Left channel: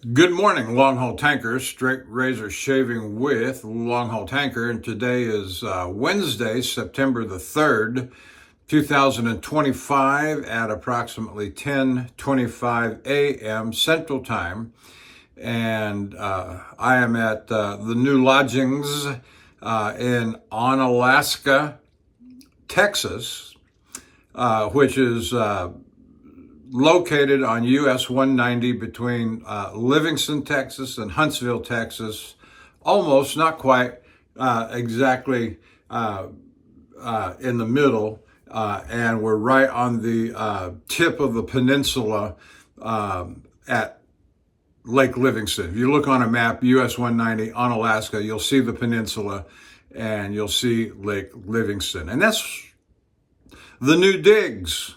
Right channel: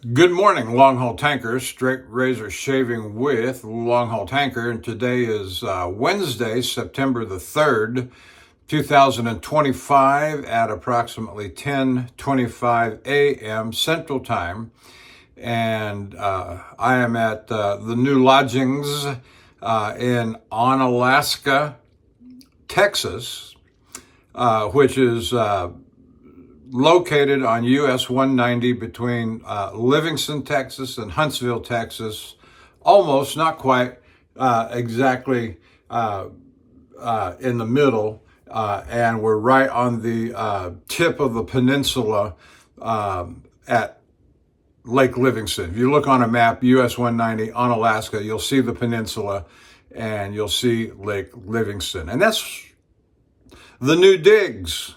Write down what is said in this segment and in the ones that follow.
Good morning, Longhaultanker, straight razor shaving with Longhaultanker, and today is Wednesday, September the 3rd, 2025 at approximately 10:25 a.m. Central Time, and I am at the new lodgings in Onalaska, Texas, which is located on US 190 between Livingston, Texas and Huntsville, Texas. Almost, not quite exactly in the middle. And we're right on the tip of the peninsula at Lake Livingston. If you look on a map, US 190 on Alaska, you'll see the peninsula and you'll see Lake Livingston. And that's the new digs.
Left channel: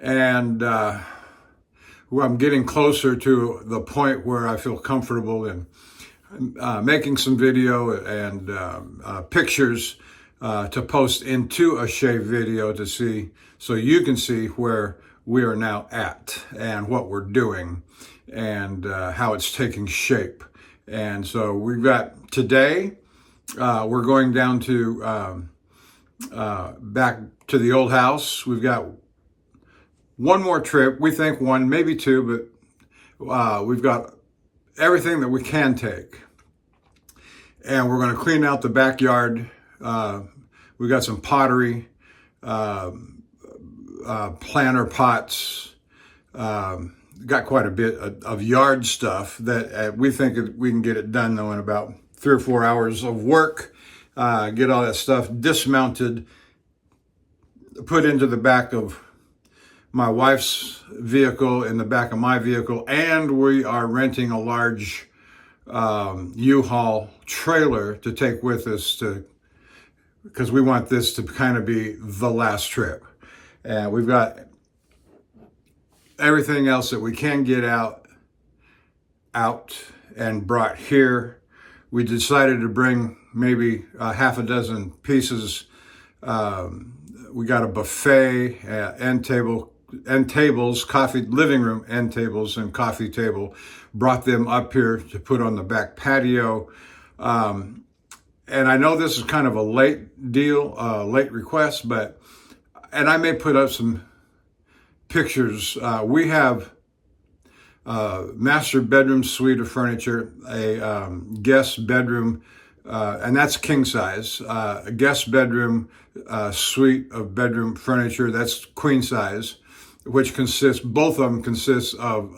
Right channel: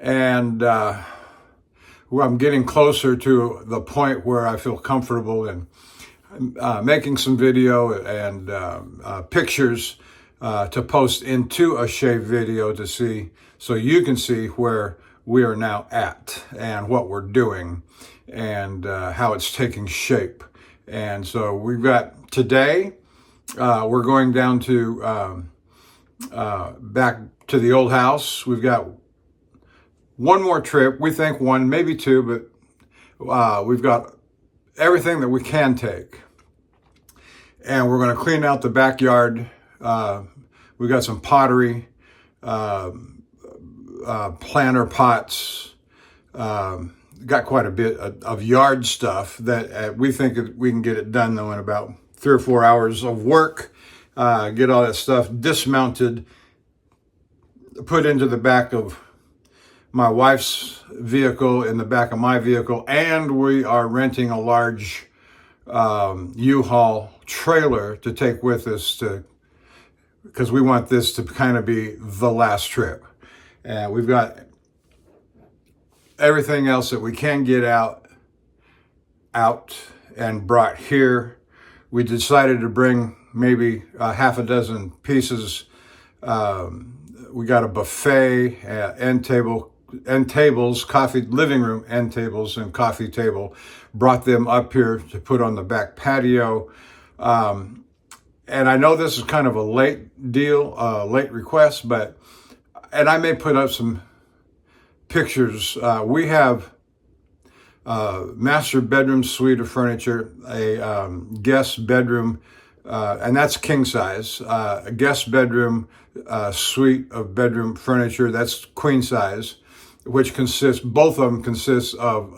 And I'm getting closer to the point where I feel comfortable in making some video and pictures to post into a shave video to see, so you can see where we are now at and what we're doing and how it's taking shape. And so we've got today, we're going down to back to the old house. We've got one more trip, we think one, maybe two, but we've got everything that we can take. And we're going to clean out the backyard. We've got some pottery, planter pots, got quite a bit of yard stuff that we think we can get it done though in about 3 or 4 hours of work. Get all that stuff dismounted, put into the back of my wife's vehicle, in the back of my vehicle, and we are renting a large U-Haul trailer to take with us because we want this to kind of be the last trip. And we've got everything else that we can get out and brought here. We decided to bring maybe half a dozen pieces. We got a buffet, end tables, coffee, living room end tables and coffee table, brought them up here to put on the back patio. And I know this is kind of a late deal, late request, and I may put up some pictures. We have master bedroom suite of furniture, a guest bedroom, and that's king size, a guest bedroom suite of bedroom furniture, that's queen size, which consists, both of them consist of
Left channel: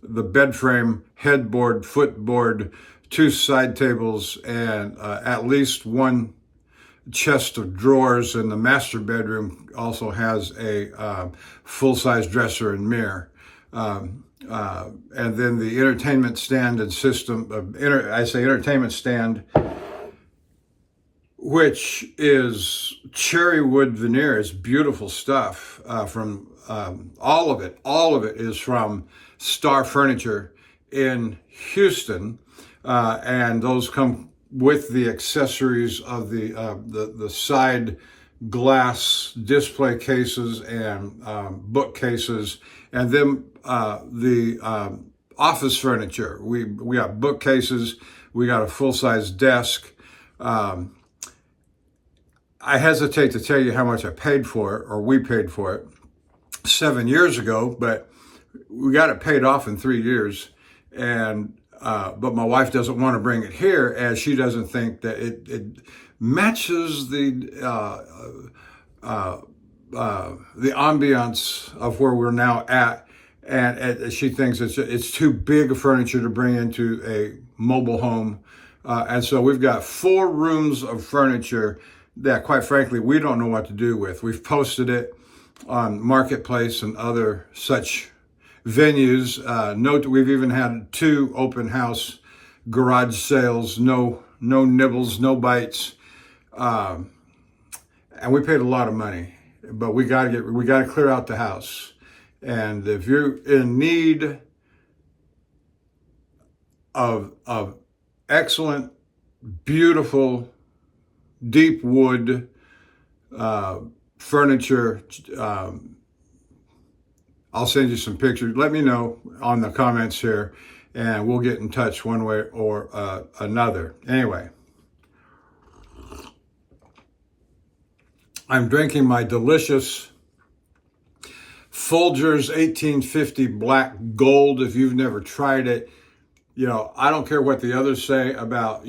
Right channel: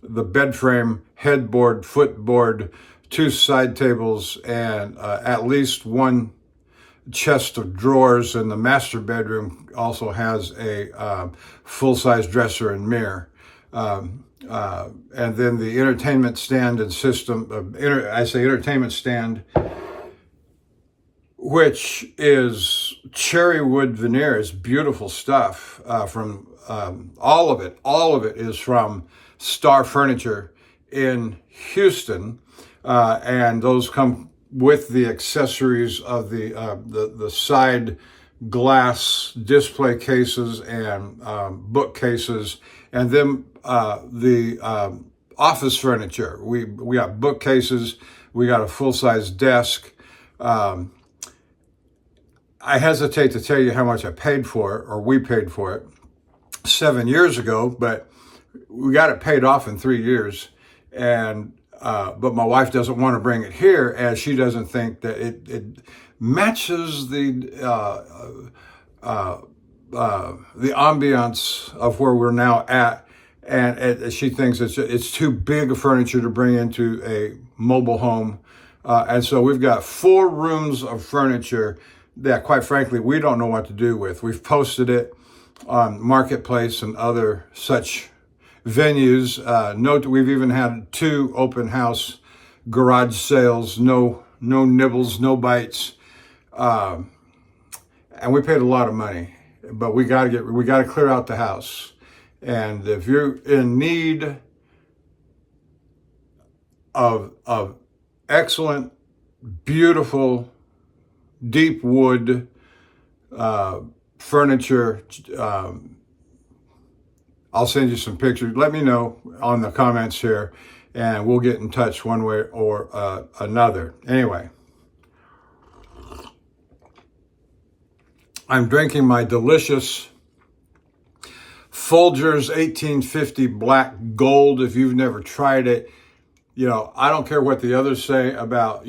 the bed frame, headboard, footboard, 2 side tables, and at least 1 chest of drawers. And the master bedroom also has a full-size dresser and mirror. And then the entertainment stand and system, I say entertainment stand, which is cherry wood veneer. It's beautiful stuff from all of it is from Star Furniture in Houston, and those come with the accessories of the side glass display cases and bookcases, and then the office furniture. We got bookcases, we got a full-size desk. I hesitate to tell you how much I paid for it, or we paid for it 7 years ago, but we got it paid off in 3 years. And but my wife doesn't want to bring it here, as she doesn't think that it matches the ambiance of where we're now at, and she thinks it's too big of furniture to bring into a mobile home. And so we've got 4 rooms of furniture that, quite frankly, we don't know what to do with. We've posted it on Marketplace and other such venues. We've even had 2 open house garage sales. No nibbles, no bites, and we paid a lot of money. But we got to clear out the house. And if you're in need of excellent, beautiful, deep wood furniture, I'll send you some pictures. Let me know on the comments here, and we'll get in touch one way or another. Anyway, I'm drinking my delicious Folgers 1850 Black Gold. If you've never tried it, I don't care what the others say about,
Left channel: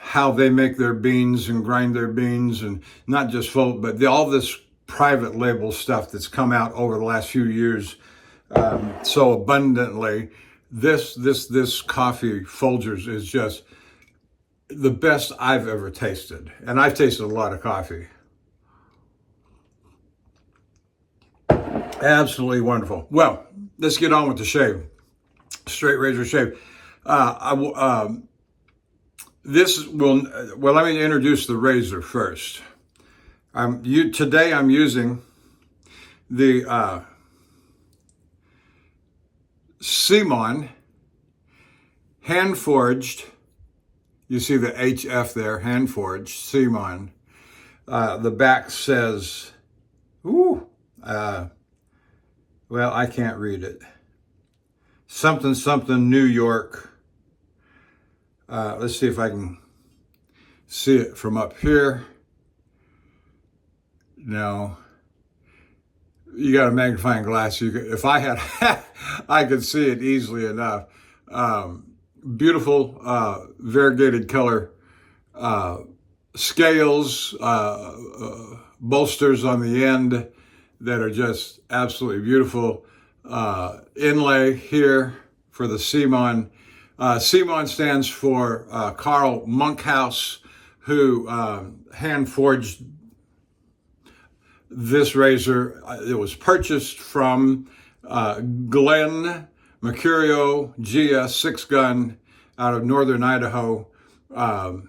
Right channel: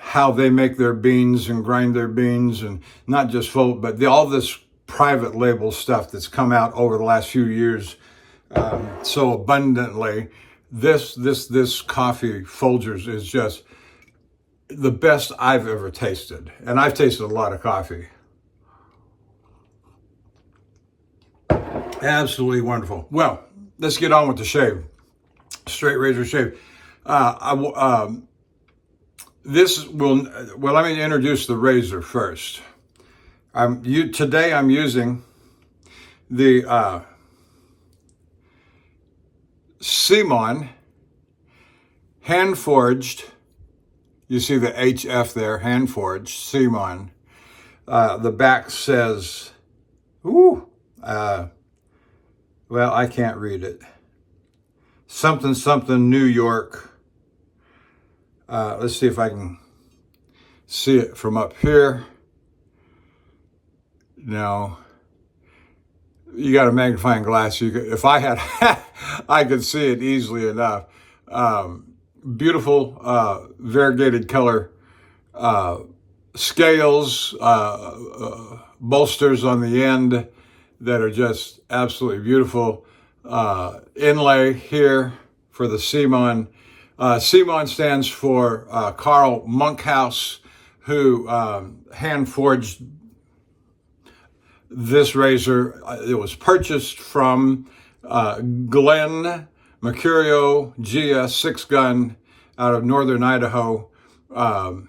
how they make their beans and grind their beans, and not just but all this private label stuff that's come out over the last few years so abundantly. This coffee, Folgers, is just the best I've ever tasted. And I've tasted a lot of coffee. Absolutely wonderful. Well, let's get on with the shave. Straight razor shave. Let me introduce the razor first. Today I'm using the Simon hand forged. You see the HF there, hand forged, Simon. The back says, well, I can't read it. Something, something, New York. Let's see if I can see it from up here. No. You got a magnifying glass. If I had, I could see it easily enough. Beautiful, variegated color, scales, bolsters on the end that are just absolutely beautiful. Inlay here for the Simon. Simon stands for Carl Monkhouse, who hand forged this razor. It was purchased from Glenn Mercurio GS 6-gun out of northern Idaho. When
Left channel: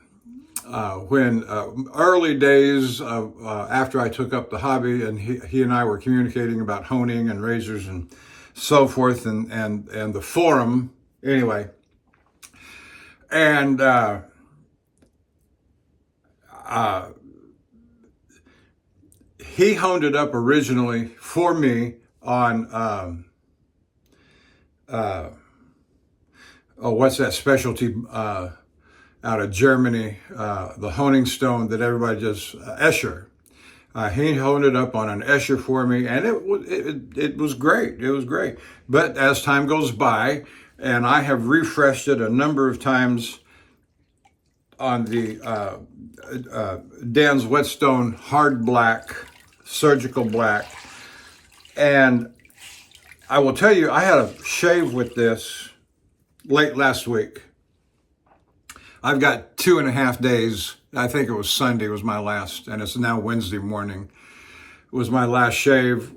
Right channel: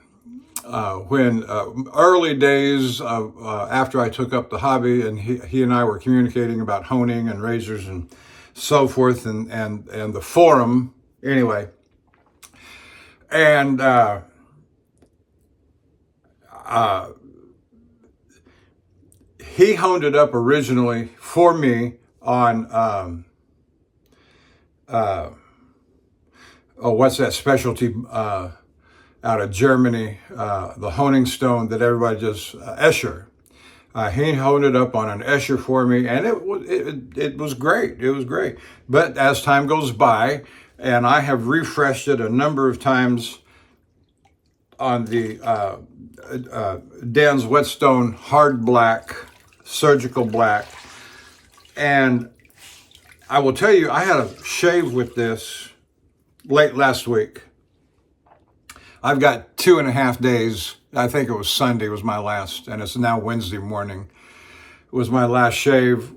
early days of after I took up the hobby, and he and I were communicating about honing and razors and so forth, and the forum anyway, and he honed it up originally for me on what's that specialty out of Germany, the honing stone that everybody just, Escher. He honed it up on an Escher for me, and it was great. It was great. But as time goes by, and I have refreshed it a number of times on the Dan's Whetstone Hard Black, Surgical Black, and I will tell you, I had a shave with this late last week. I've got 2.5 days. I think it was Sunday was my last, and it's now Wednesday morning. It was my last shave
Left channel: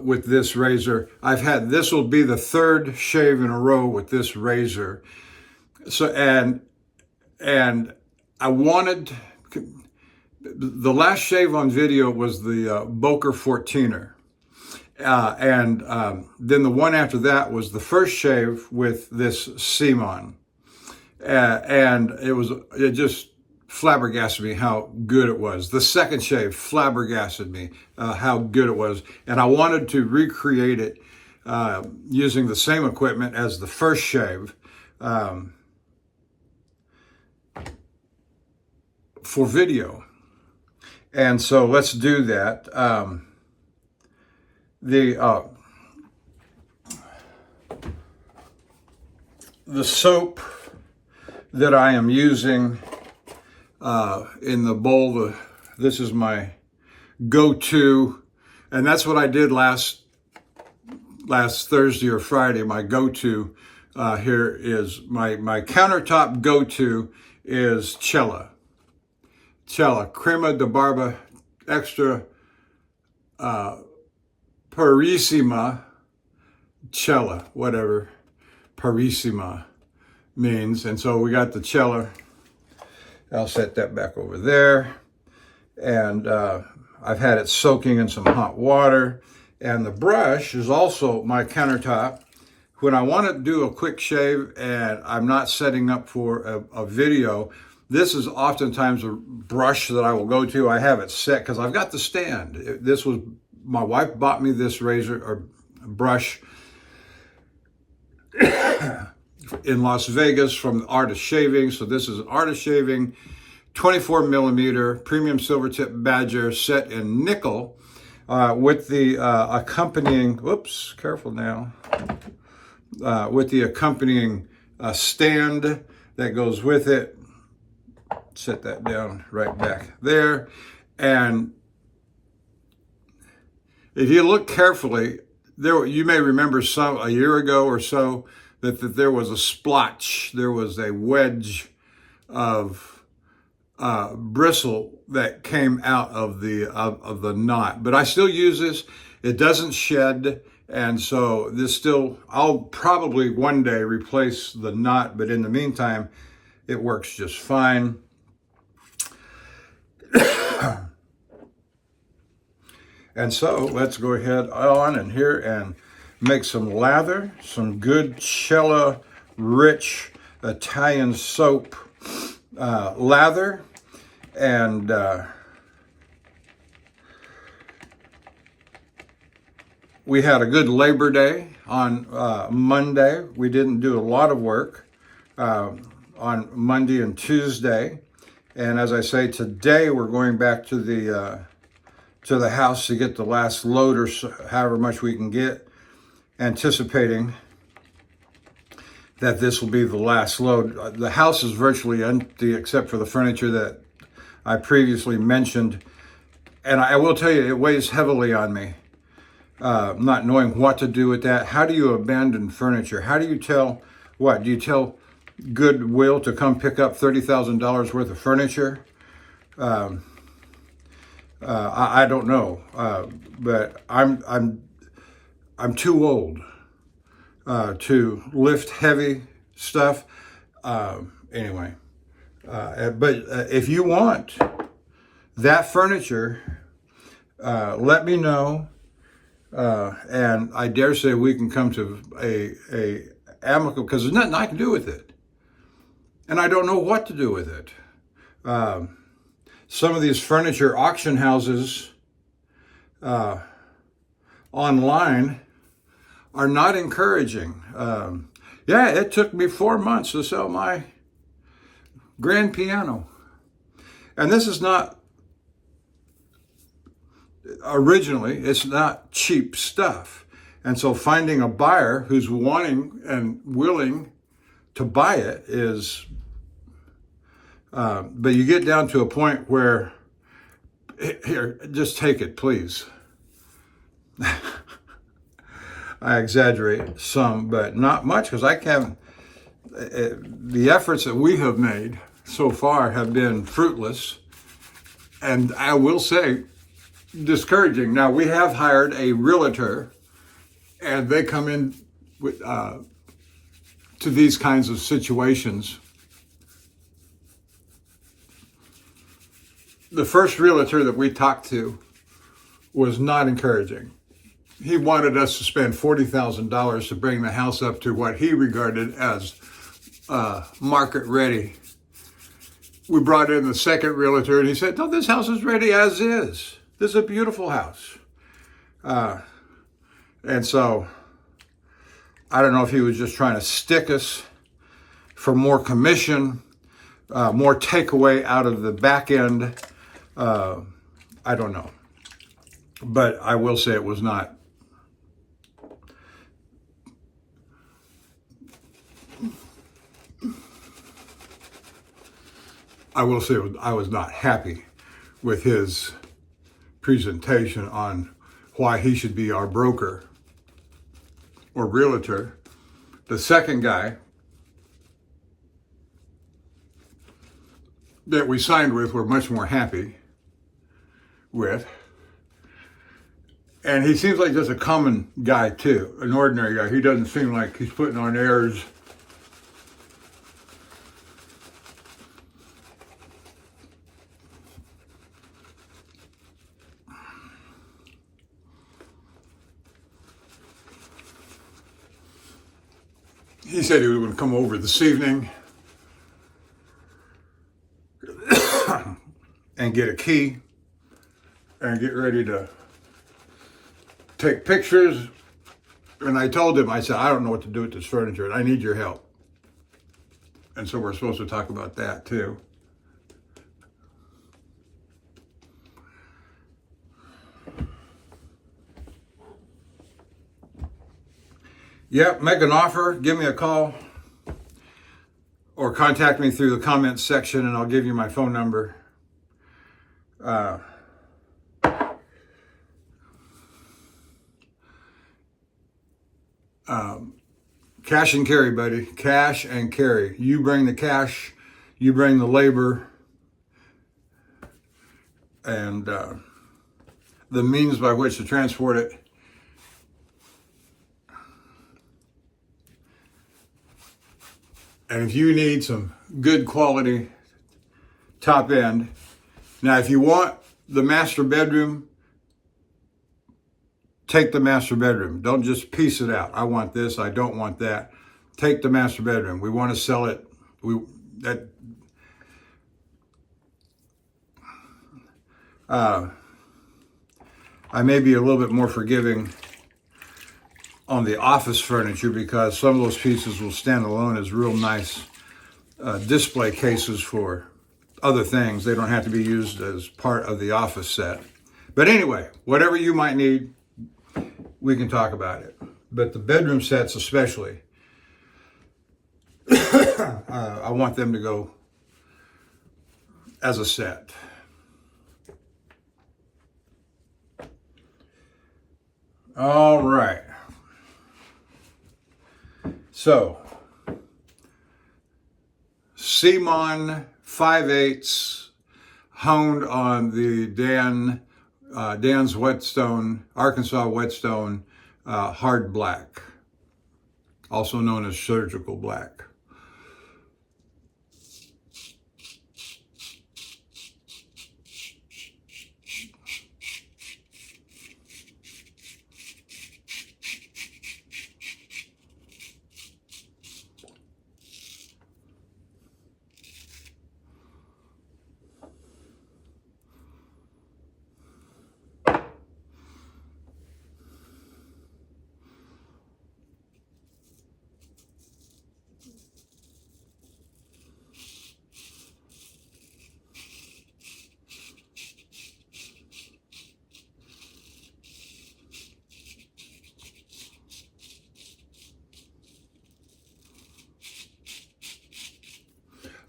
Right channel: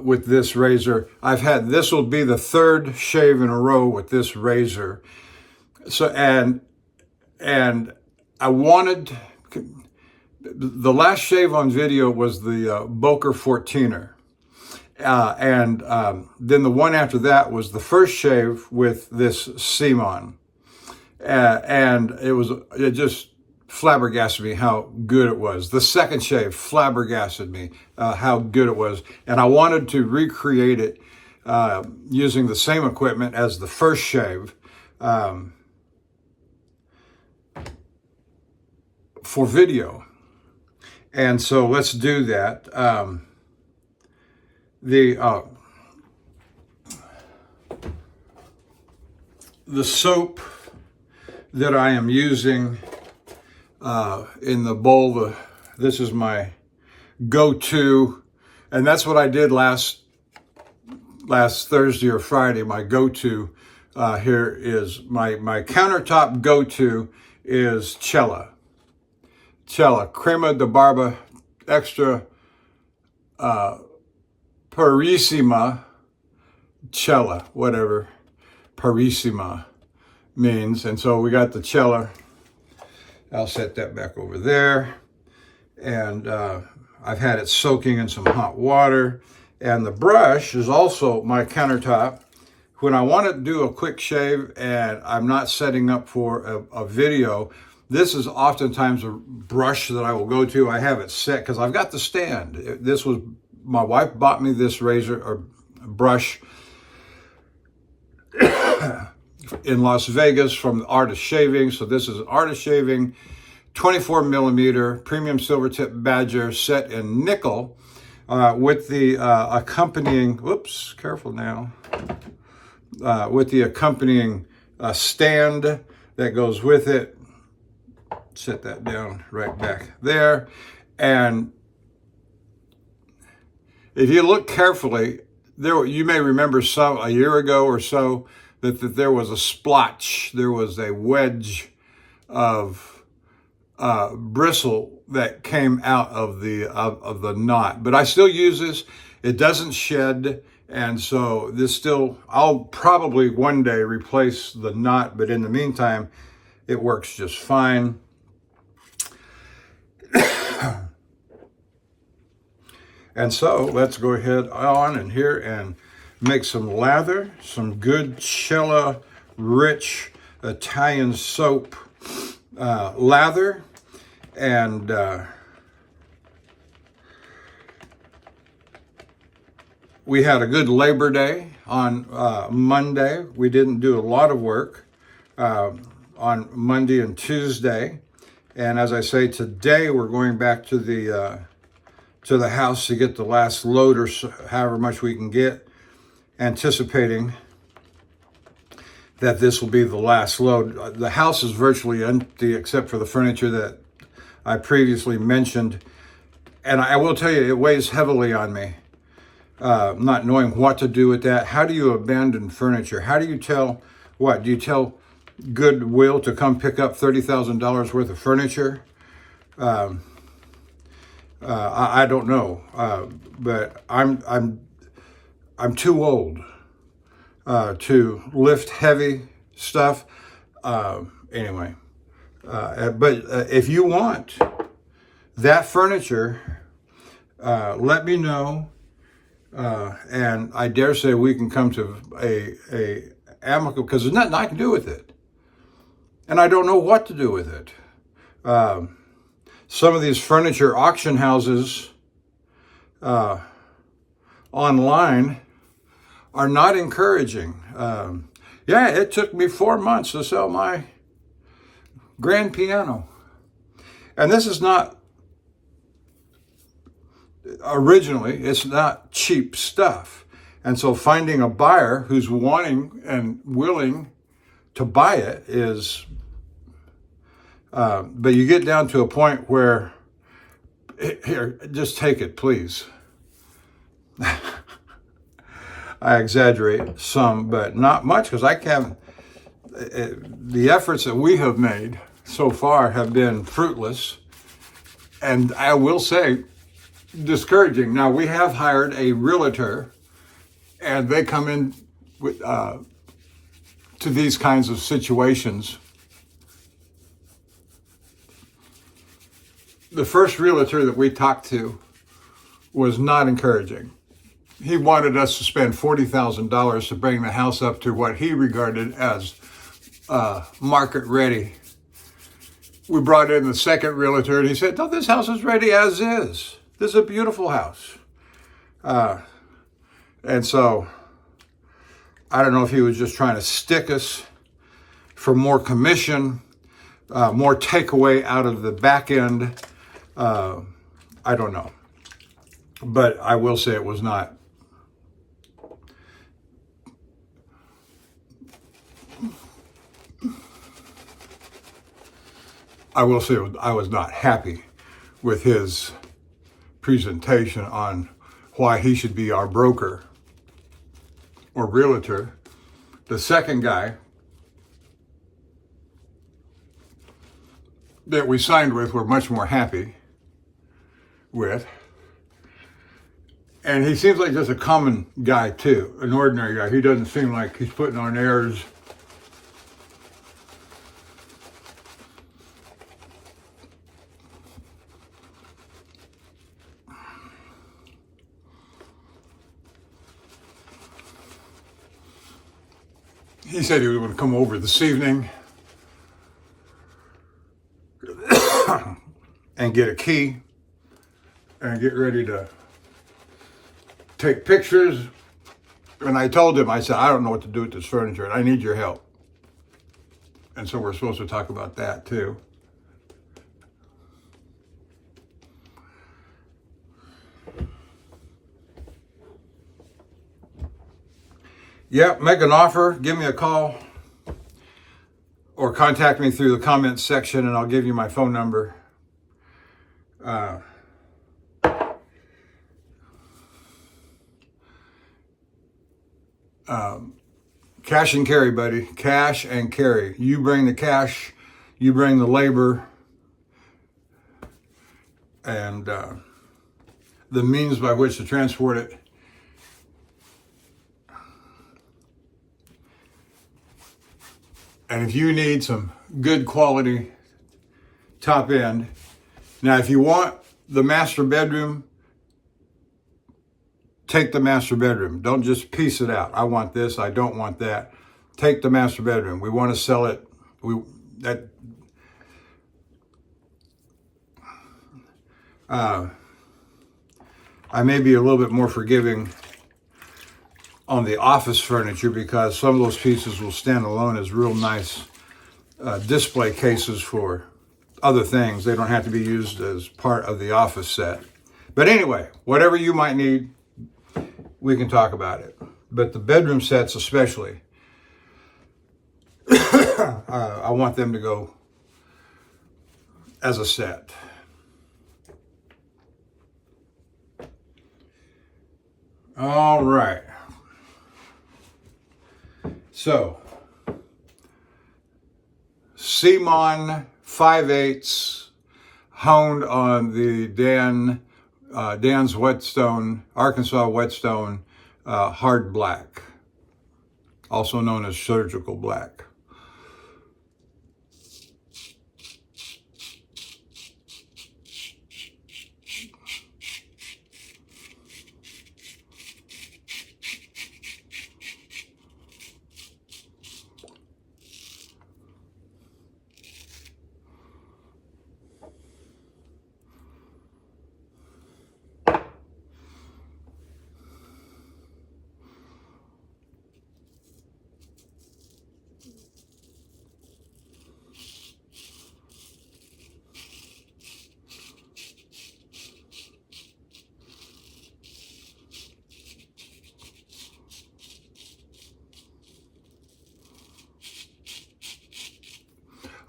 with this razor. This will be the 3rd shave in a row with this razor. So, and I wanted, the last shave on video was the Boker 14er. Then the one after that was the first shave with this Simon. And it just flabbergasted me how good it was. The second shave flabbergasted me how good it was. And I wanted to recreate it using the same equipment as the first shave for video. And so let's do that. The soap that I am using in the bowl, this is my go-to, and that's what I did last Thursday or Friday. My go-to here is my countertop go-to is Cella Crema de Barba Extra Purissima Cella, whatever Purissima means. And so we got the Cella. I'll set that back over there. And I've had it soaking in some hot water. And the brush is also my countertop. When I want to do a quick shave and I'm not setting up for a video, this is oftentimes a brush that I will go to. I have it set because I've got the stand. This was my wife bought me this razor or brush in Las Vegas from the Art of Shaving. So this is an Art of Shaving 24 millimeter premium silver tip badger set in nickel with the accompanying, whoops, careful now, with the accompanying stand that goes with it. Set that down right back there. And if you look carefully, there you may remember a year ago or so that there was a splotch, there was a wedge of bristle that came out of the knot. But I still use this. It doesn't shed, and so I'll probably one day replace the knot, but in the meantime, it works just fine. And so let's go ahead on in here and make some lather, some good Cella rich Italian soap lather. And we had a good Labor Day on Monday. We didn't do a lot of work on Monday and Tuesday. And as I say, today we're going back to the house to get the last load or however much we can get, anticipating that this will be the last load. The house is virtually empty except for the furniture that I previously mentioned. And I will tell you, it weighs heavily on me, not knowing what to do with that. How do you abandon furniture? How do you tell what? Do you tell Goodwill to come pick up $30,000 worth of furniture? I don't know, but I'm too old to lift heavy stuff. Anyway, but if you want that furniture, let me know, and I dare say we can come to a amicable, because there's nothing I can do with it, and I don't know what to do with it. Some of these furniture auction houses online are not encouraging. Yeah, it took me 4 months to sell my grand piano. And this is not, originally, it's not cheap stuff. And so finding a buyer who's wanting and willing to buy it is, but you get down to a point where, here, just take it, please. I exaggerate some, but not much, because I can't, the efforts that we have made so far have been fruitless, and I will say, discouraging. Now, we have hired a realtor, and they come in with, to these kinds of situations. The first realtor that we talked to was not encouraging. He wanted us to spend $40,000 to bring the house up to what he regarded as market ready. We brought in the second realtor, and he said, no, this house is ready as is. This is a beautiful house. And so I don't know if he was just trying to stick us for more commission, more takeaway out of the back end. I don't know. But I will say it was not. I will say I was not happy with his presentation on why he should be our broker or realtor. The second guy that we signed with, we're much more happy with. And he seems like just a common guy too, an ordinary guy. He doesn't seem like he's putting on airs. He said he was going to come over this evening and get a key and get ready to take pictures. And I told him, I said, I don't know what to do with this furniture, and I need your help. And so we're supposed to talk about that too. Yep, make an offer, give me a call, or contact me through the comments section, and I'll give you my phone number. Cash and carry, buddy. Cash and carry. You bring the cash, you bring the labor, and the means by which to transport it. And if you need some good quality top end, now if you want the master bedroom, take the master bedroom. Don't just piece it out. I want this, I don't want that. Take the master bedroom. We want to sell it. I may be a little bit more forgiving on the office furniture because some of those pieces will stand alone as real nice display cases for other things. They don't have to be used as part of the office set. But anyway, whatever you might need, we can talk about it. But the bedroom sets especially, I want them to go as a set. All right. So, Simon 5/8 honed on the Dan's Whetstone, Arkansas Whetstone hard black, also known as surgical black.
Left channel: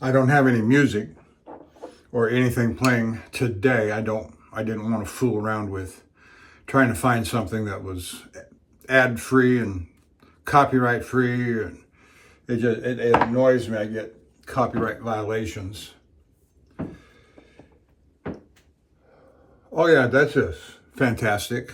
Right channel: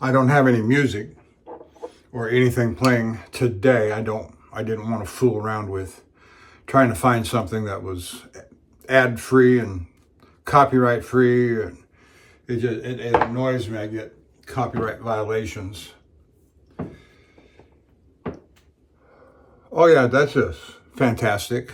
I don't have any music or anything playing today. I didn't want to fool around with trying to find something that was ad free and copyright free, and it annoys me. I get copyright violations. Oh yeah, that's just fantastic.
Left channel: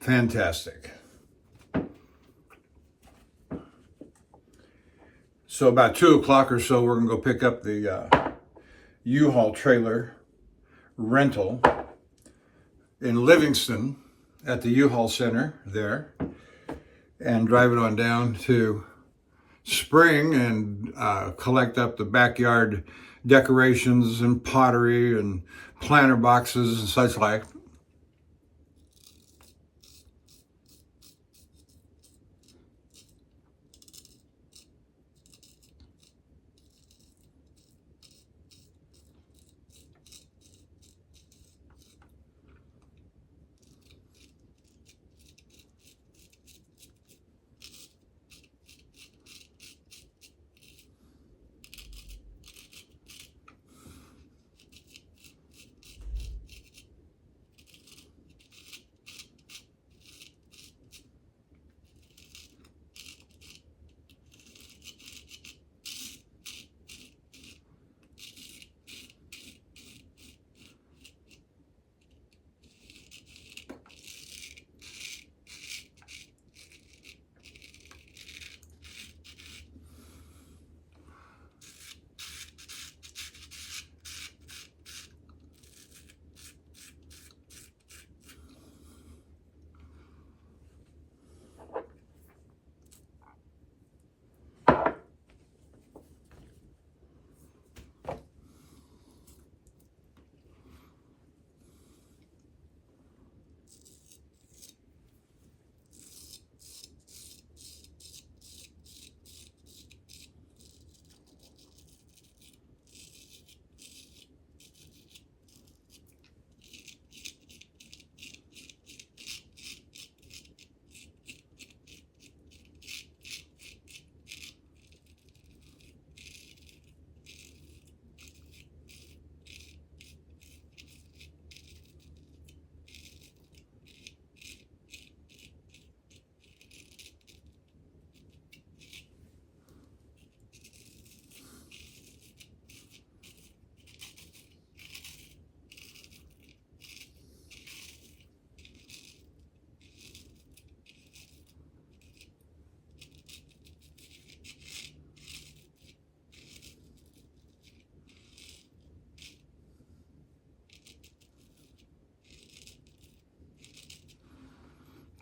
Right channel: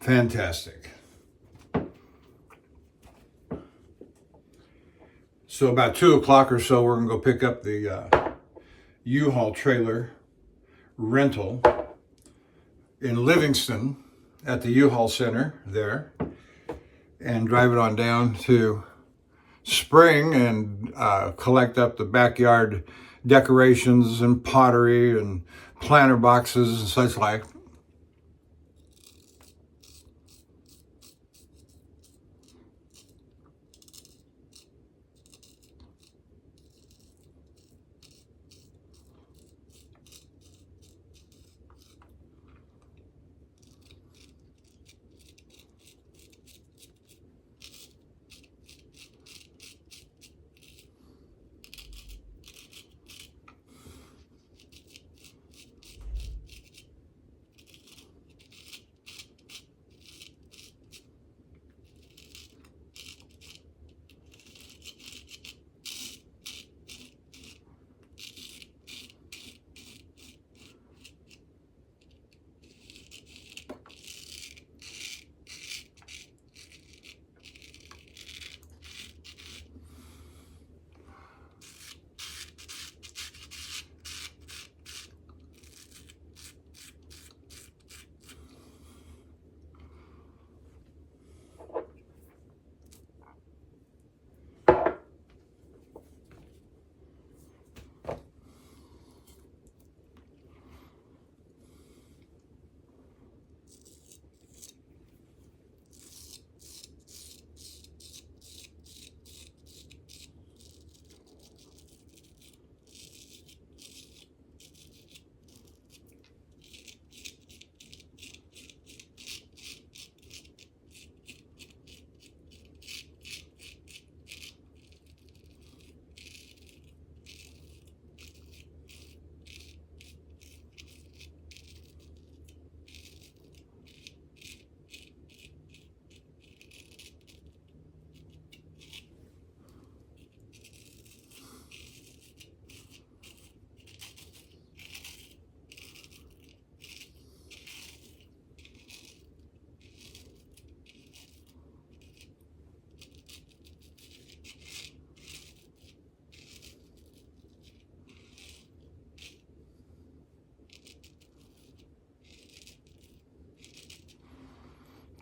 Fantastic. So about 2 o'clock or so, we're gonna go pick up the U-Haul trailer rental in Livingston at the U-Haul Center there, and drive it on down to Spring and collect up the backyard decorations and pottery and planter boxes and such like.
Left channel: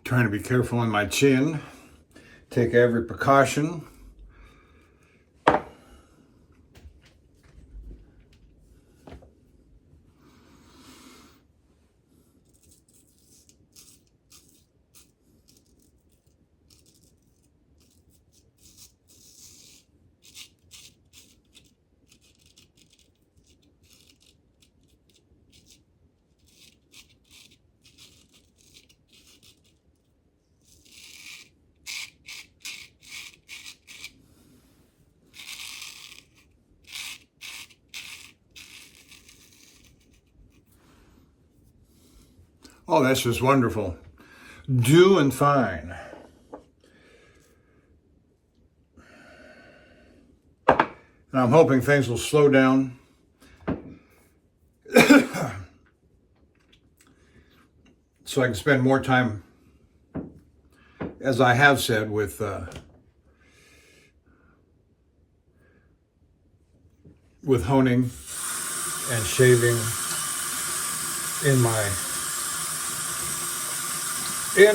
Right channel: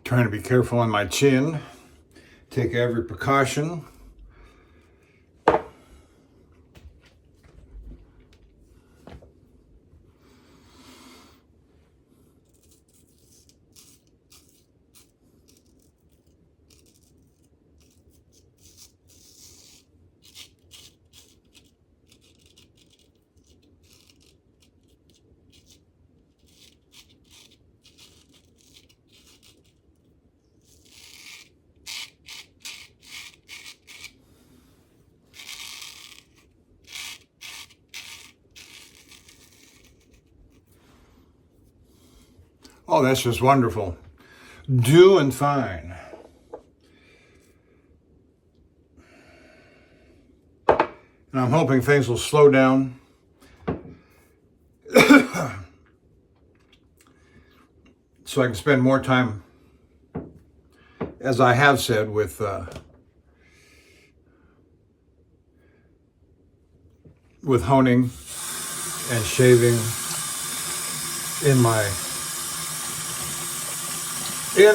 Trying to be careful on my chin. Take every precaution. Oh, that's just wonderful. Doing fine. And I'm hoping things will slow down. So I can spend more time, as I have said, with honing and shaving in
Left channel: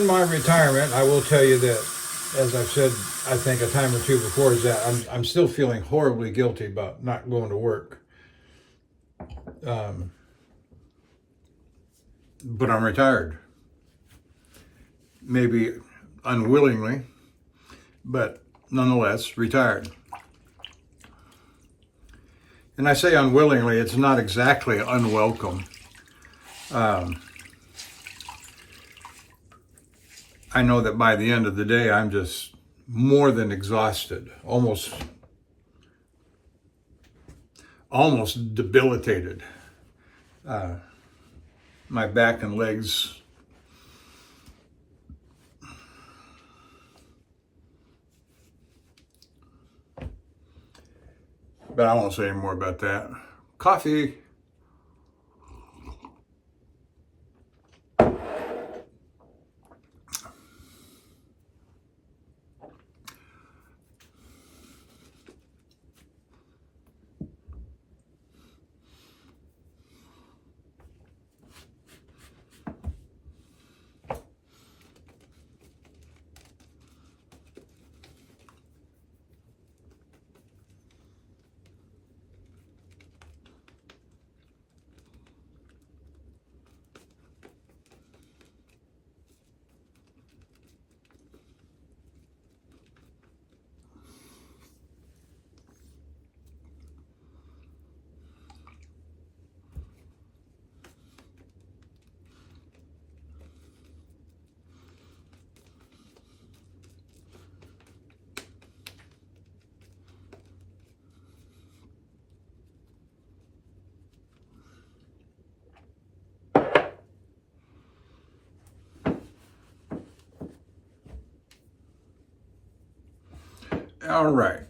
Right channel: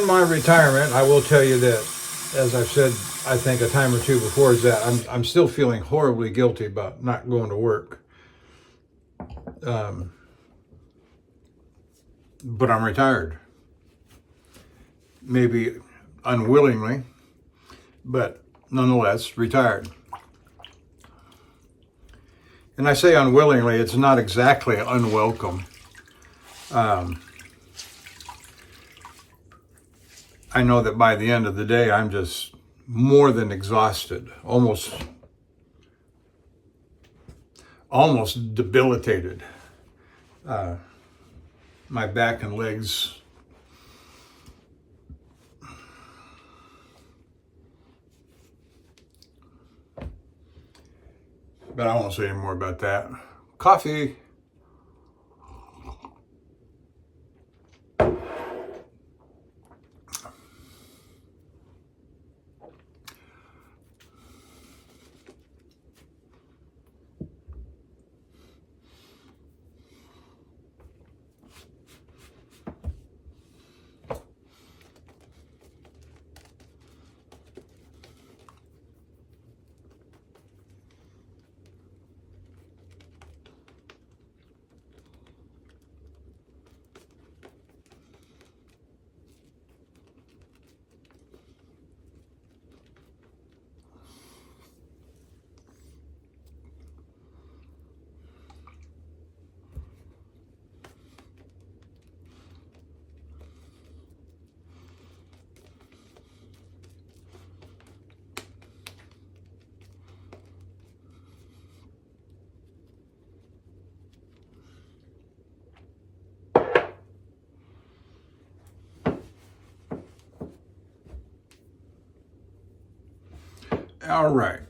my retirement. I will tell you that, as I've said, I think a time or two before, is that I'm still feeling horribly guilty about not going to work. But I'm retired. Maybe unwillingly, but nonetheless retired. And I say unwillingly, it's not exactly unwelcome. I know that by the end of the day, I'm just more than exhausted, almost debilitated. My back and legs but I won't say any more about that. Coffee. All right.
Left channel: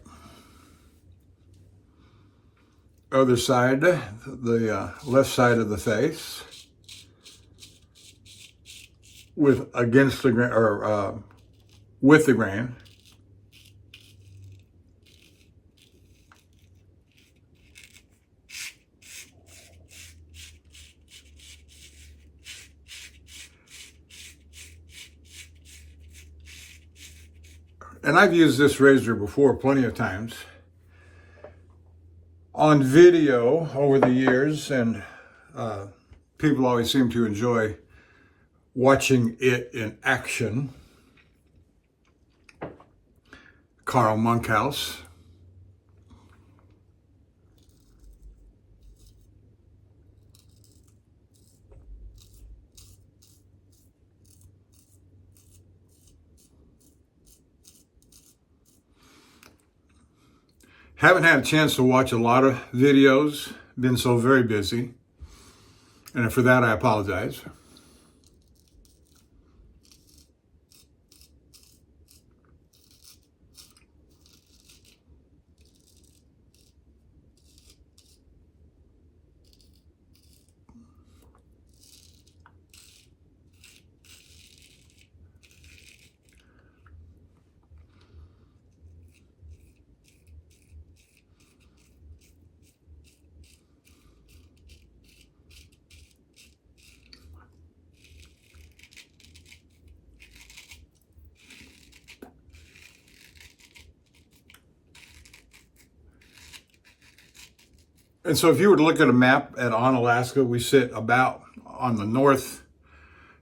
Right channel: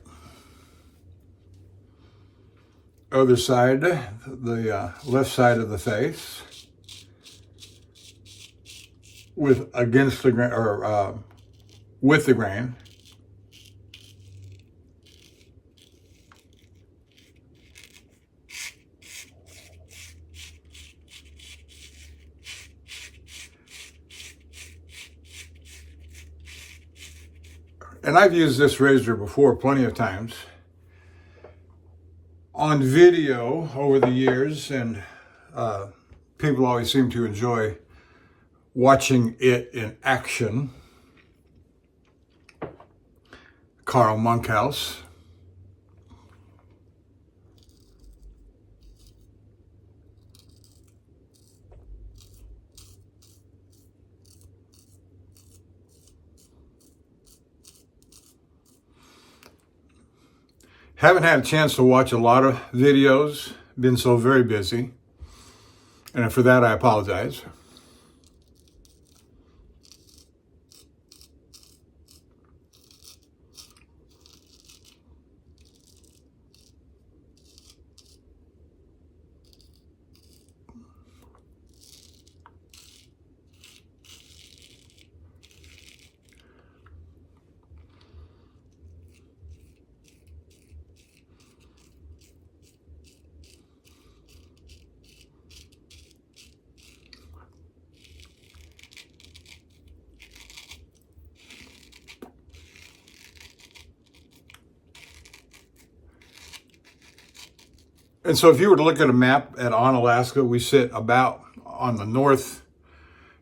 Other side, the left side of the face, with against the grain, or with the grain. And I've used this razor before plenty of times on video over the years, and people always seem to enjoy watching it in action. Carl Monkhouse. Haven't had a chance to watch a lot of videos, been so very busy, and for that I apologize. And so if you were to look at a map at Alaska, we sit about on the north,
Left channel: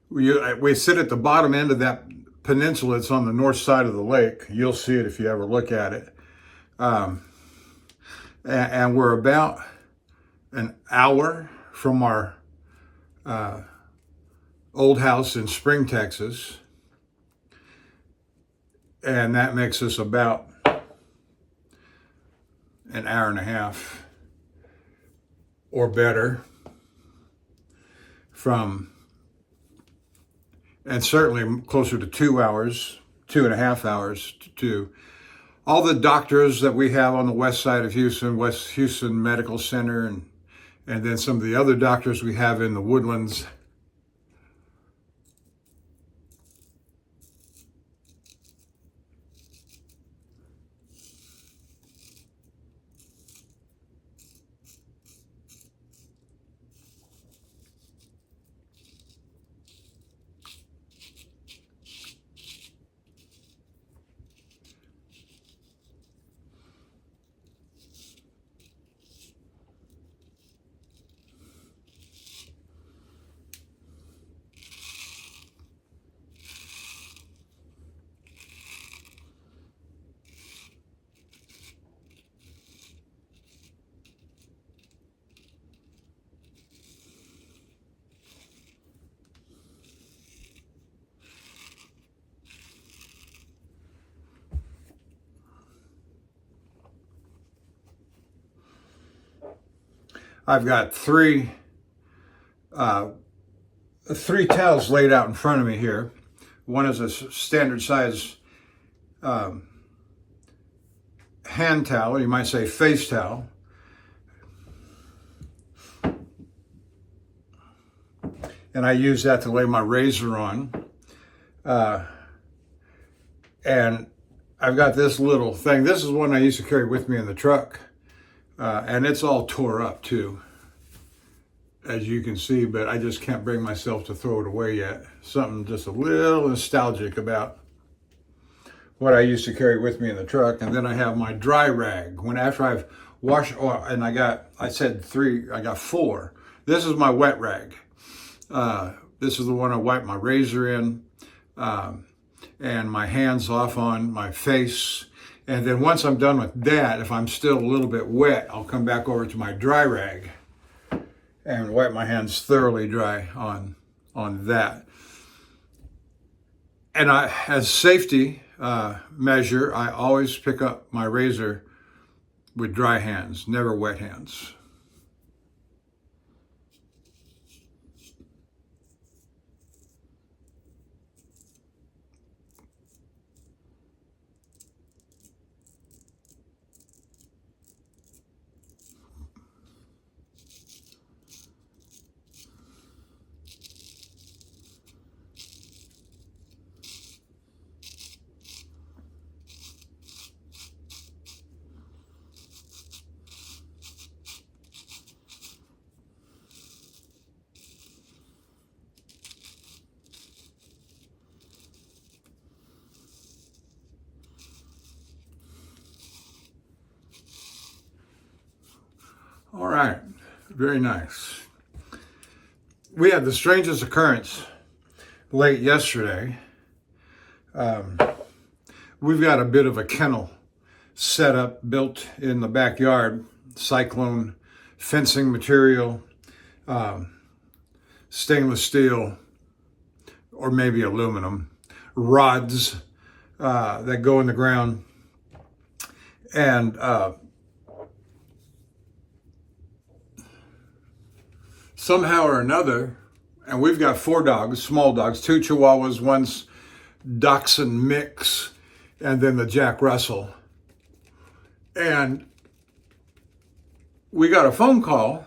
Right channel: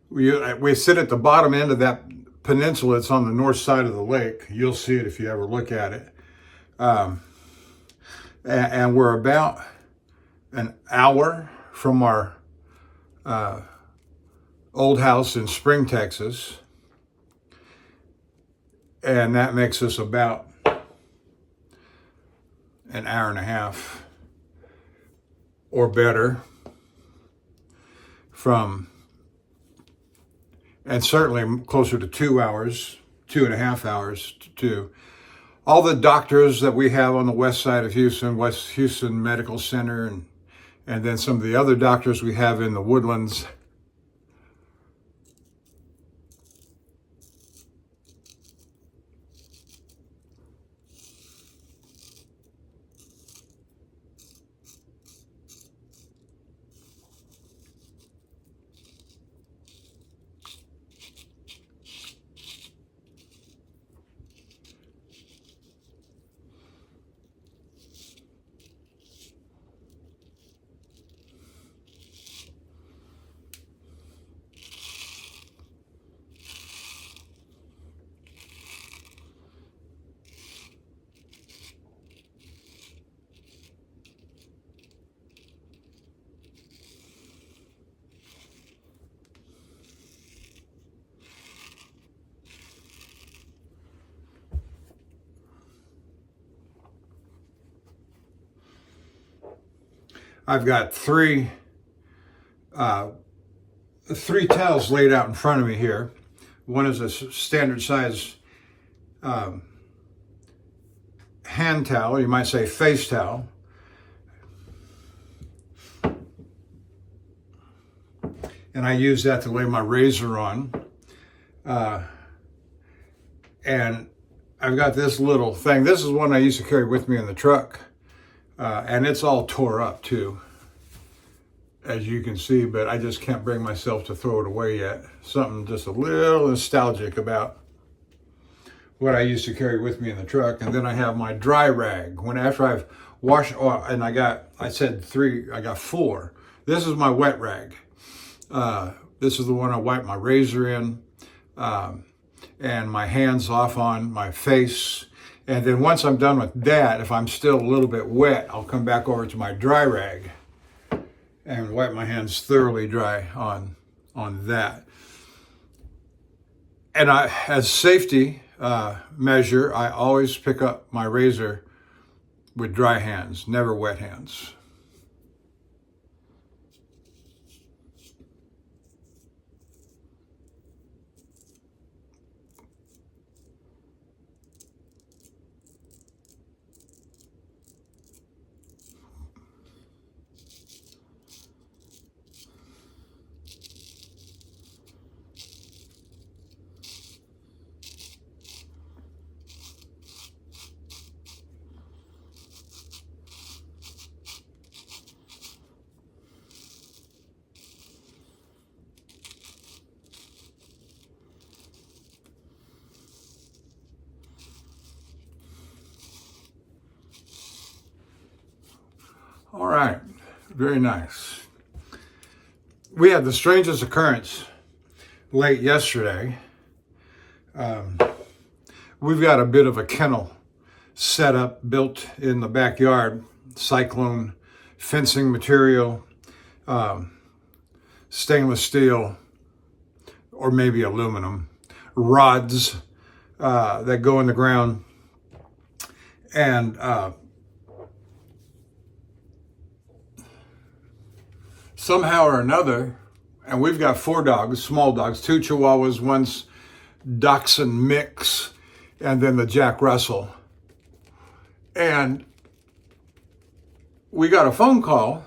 we sit at the bottom end of that peninsula. It's on the north side of the lake. You'll see it if you ever look at it. And we're about an hour from our old house in Spring, Texas. And that makes us about an hour and a half or better from, and certainly closer to 2 hours, 2.5 hours to all the doctors that we have on the west side of Houston, West Houston Medical Center, and then some of the other doctors we have in the Woodlands. I've got three towels laid out in front of me here. One is a standard size hand towel, you might say face towel. And I use that to lay my razor on. And I've got this little thing. This is one I used to carry with me in the truck. And it's all tore up too, as you can see, but I just can't bring myself to throw it away yet. Something just a little nostalgic about what I used to carry with me in the truck. And then I have my dry rag. When after I've washed, and I got 4. This is my wet rag. This is the one I wipe my razor in, and my hands off on, my face. And then once I'm done with that, if I'm still a little bit wet, I'll come back over to my dry rag and wipe my hands thoroughly dry on that. And as safety measure, I always pick up my razor with dry hands, never wet hands. All right, very nice. We had the strangest occurrence late yesterday. We've got a bit of a kennel set up, built in the backyard, cyclone fencing material, stainless steel, or maybe aluminum, rods that go in the ground. And somehow or another, and we've got 4 dogs, small dogs, 2 Chihuahuas, 1 Dachshund mix, and then the Jack Russell. And we got a phone call,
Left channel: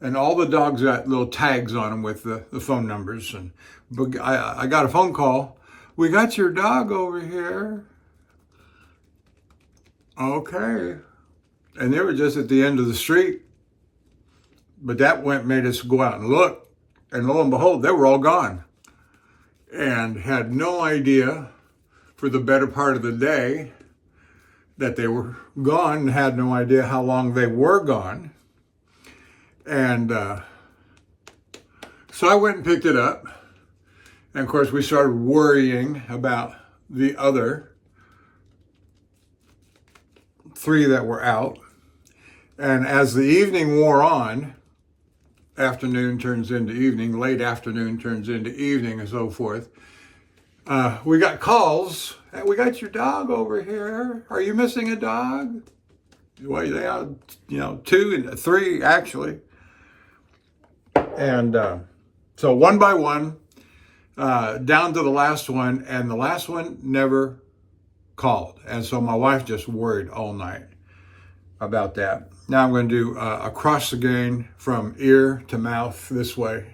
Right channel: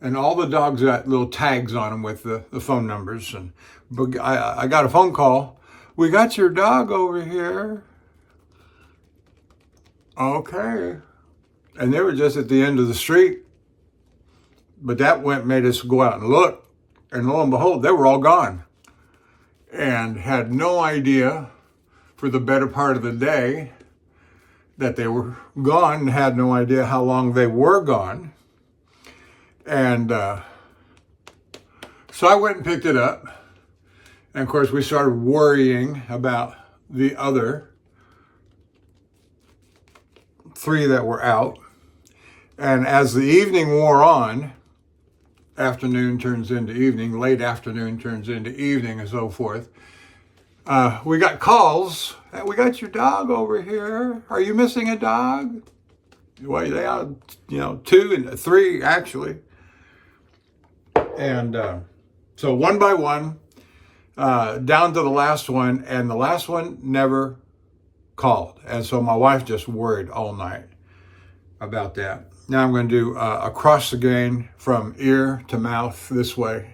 and all the dogs got little tags on them with the phone numbers. And I got a phone call. We got your dog over here. Okay. And they were just at the end of the street. But that made us go out and look. And lo and behold, they were all gone. And had no idea for the better part of the day that they were gone and had no idea how long they were gone. And so I went and picked it up. And of course, we started worrying about the other 3 that were out. And as the evening wore on, afternoon turns into evening, late afternoon turns into evening, and so forth, we got calls. Hey, we got your dog over here. Are you missing a dog? Well, they are, 2 and 3 actually. And so one by one, down to the last one, and the last one never called. And so my wife just worried all night about that. Now I'm going to do across the grain from ear to mouth this way.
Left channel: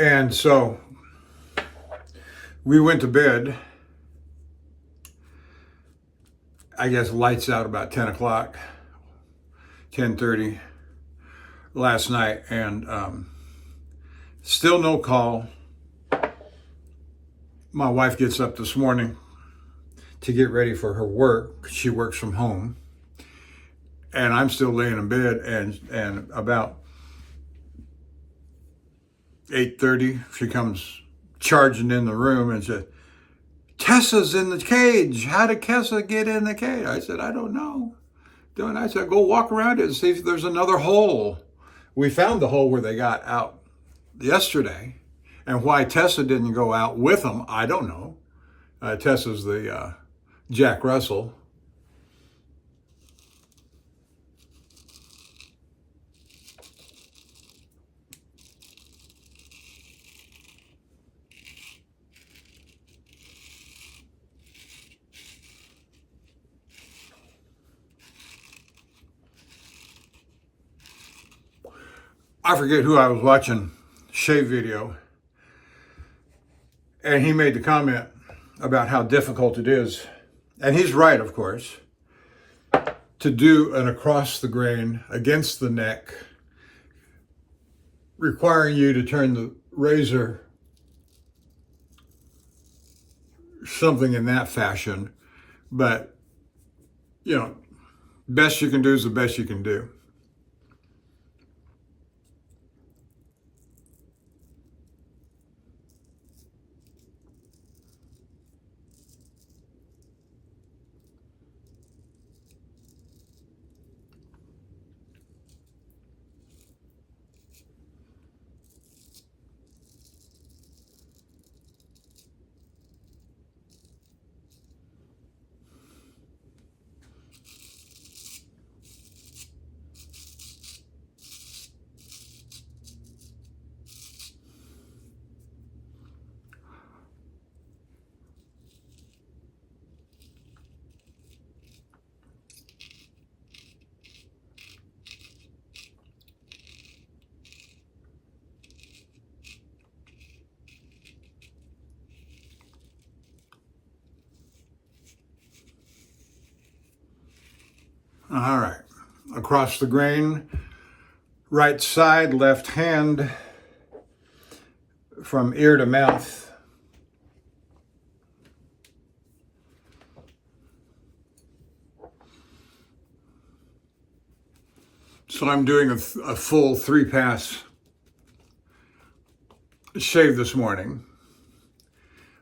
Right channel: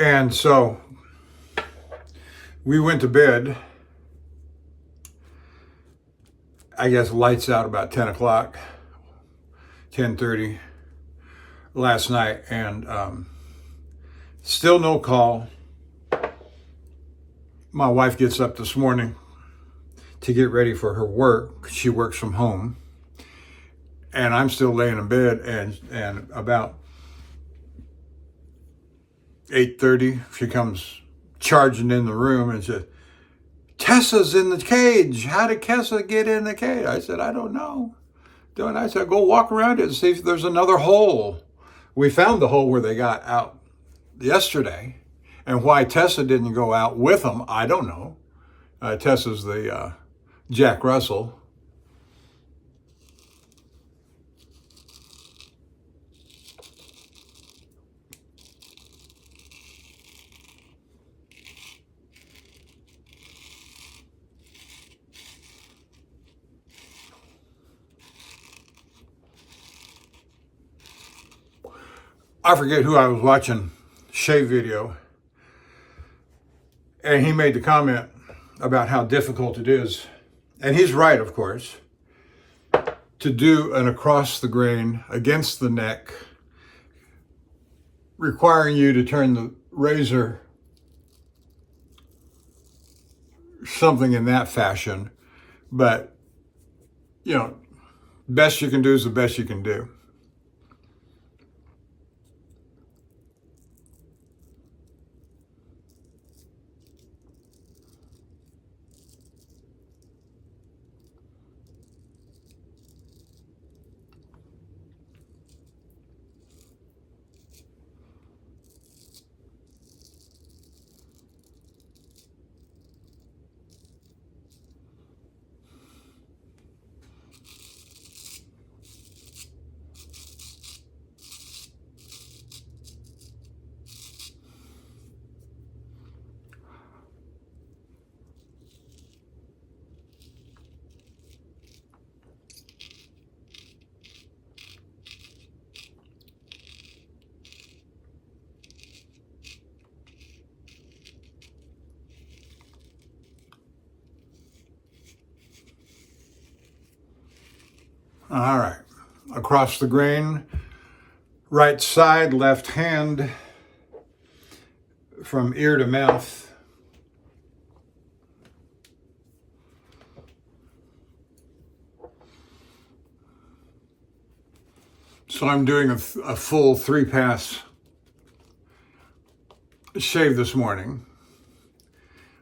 And so we went to bed, I guess lights out about 10 o'clock, 10:30 last night, and still no call. My wife gets up this morning to get ready for her work. She works from home. And I'm still laying in bed, and about 8:30, she comes charging in the room and said, Tessa's in the cage. How did Tessa get in the cage? I said, I don't know. Then I said, go walk around it and see if there's another hole. We found the hole where they got out yesterday. And why Tessa didn't go out with them, I don't know. Tessa's the Jack Russell. I forget who I was watching shave video, and he made the comment about how difficult it is, and he's right, of course, to do an across the grain against the neck, requiring you to turn the razor something in that fashion. But, best you can do is the best you can do. All right, across the grain, right side, left hand, from ear to mouth. So I'm doing a full 3-pass shave this morning.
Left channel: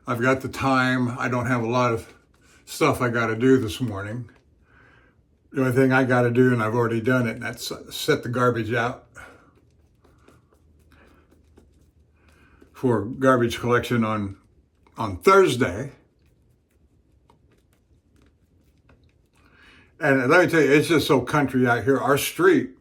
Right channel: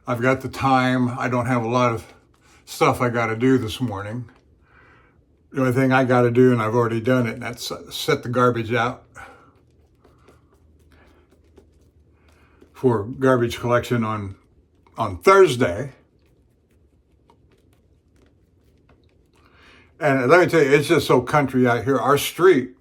I've got the time. I don't have a lot of stuff I got to do this morning. The only thing I got to do, and I've already done it, and that's set the garbage out for garbage collection on Thursday. And let me tell you, it's just so country out here. Our street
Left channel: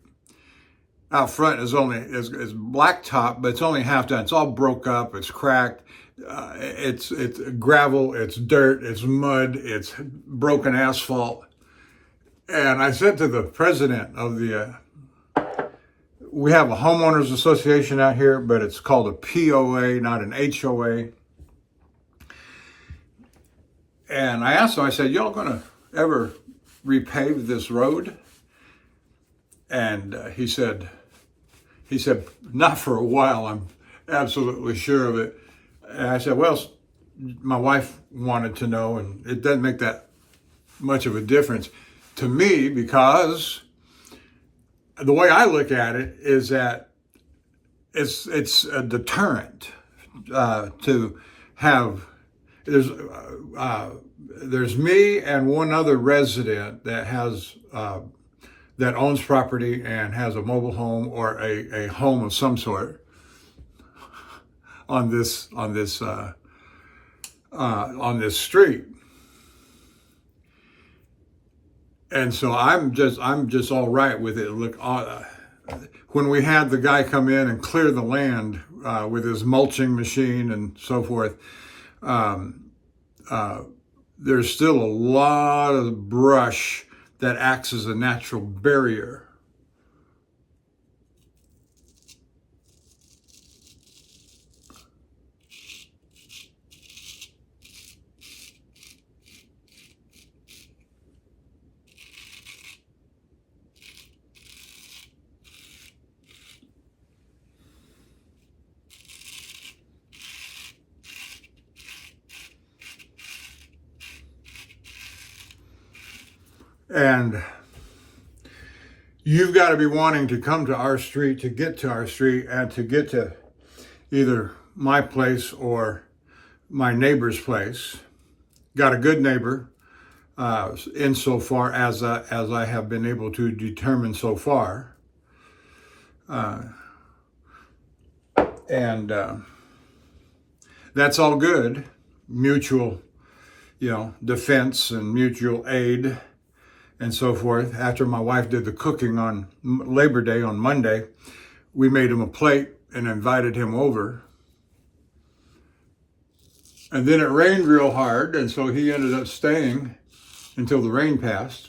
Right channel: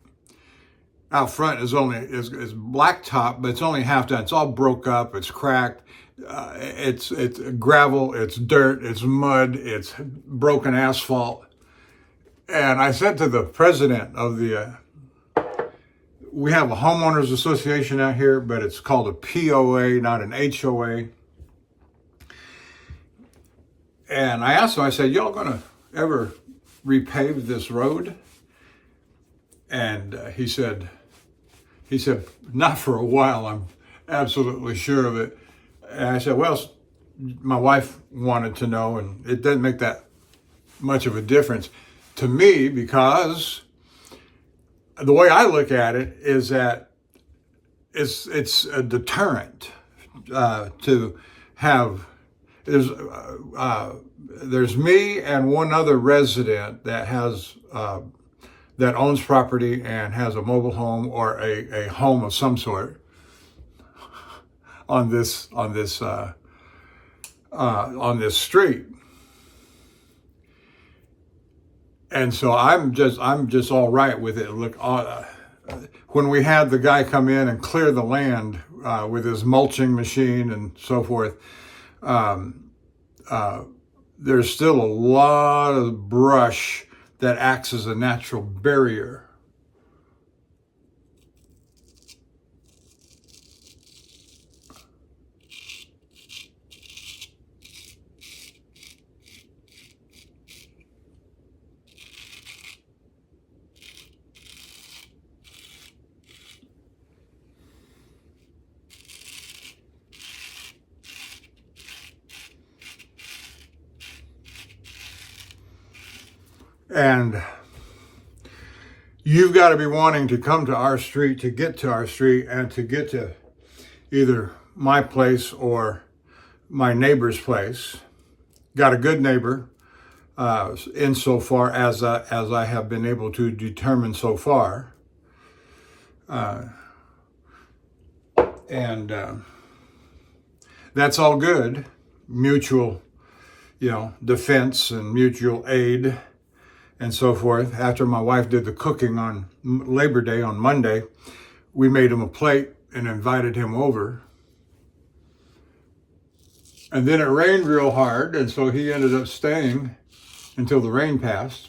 out front is blacktop, but it's only half done. It's all broke up. It's cracked. It's gravel. It's dirt. It's mud. It's broken asphalt. And I said to the president of we have a homeowners association out here, but it's called a POA, not an HOA. And I asked him, I said, y'all gonna ever repave this road? And he said, not for a while, I'm absolutely sure of it. And I said, well, my wife wanted to know, and it doesn't make that much of a difference to me, because the way I look at it is that it's a deterrent to have. There's me and one other resident that has that owns property and has a mobile home or a home of some sort on this street. And so I'm just all right with it. Look, when we had the guy come in and clear the land with his mulching machine and so forth, there's still a lot of brush that acts as a natural barrier. And you've got to be wanting to come to our street, to get to our street, and to get to either my place or my neighbor's place. Got a good neighbor, insofar as I have been able to determine so far. And that's all good. Mutual, defense and mutual aid and so forth. After my wife did the cooking on Labor Day on Monday, we made him a plate and invited him over. And then it rained real hard, and so he ended up staying until the rain passed.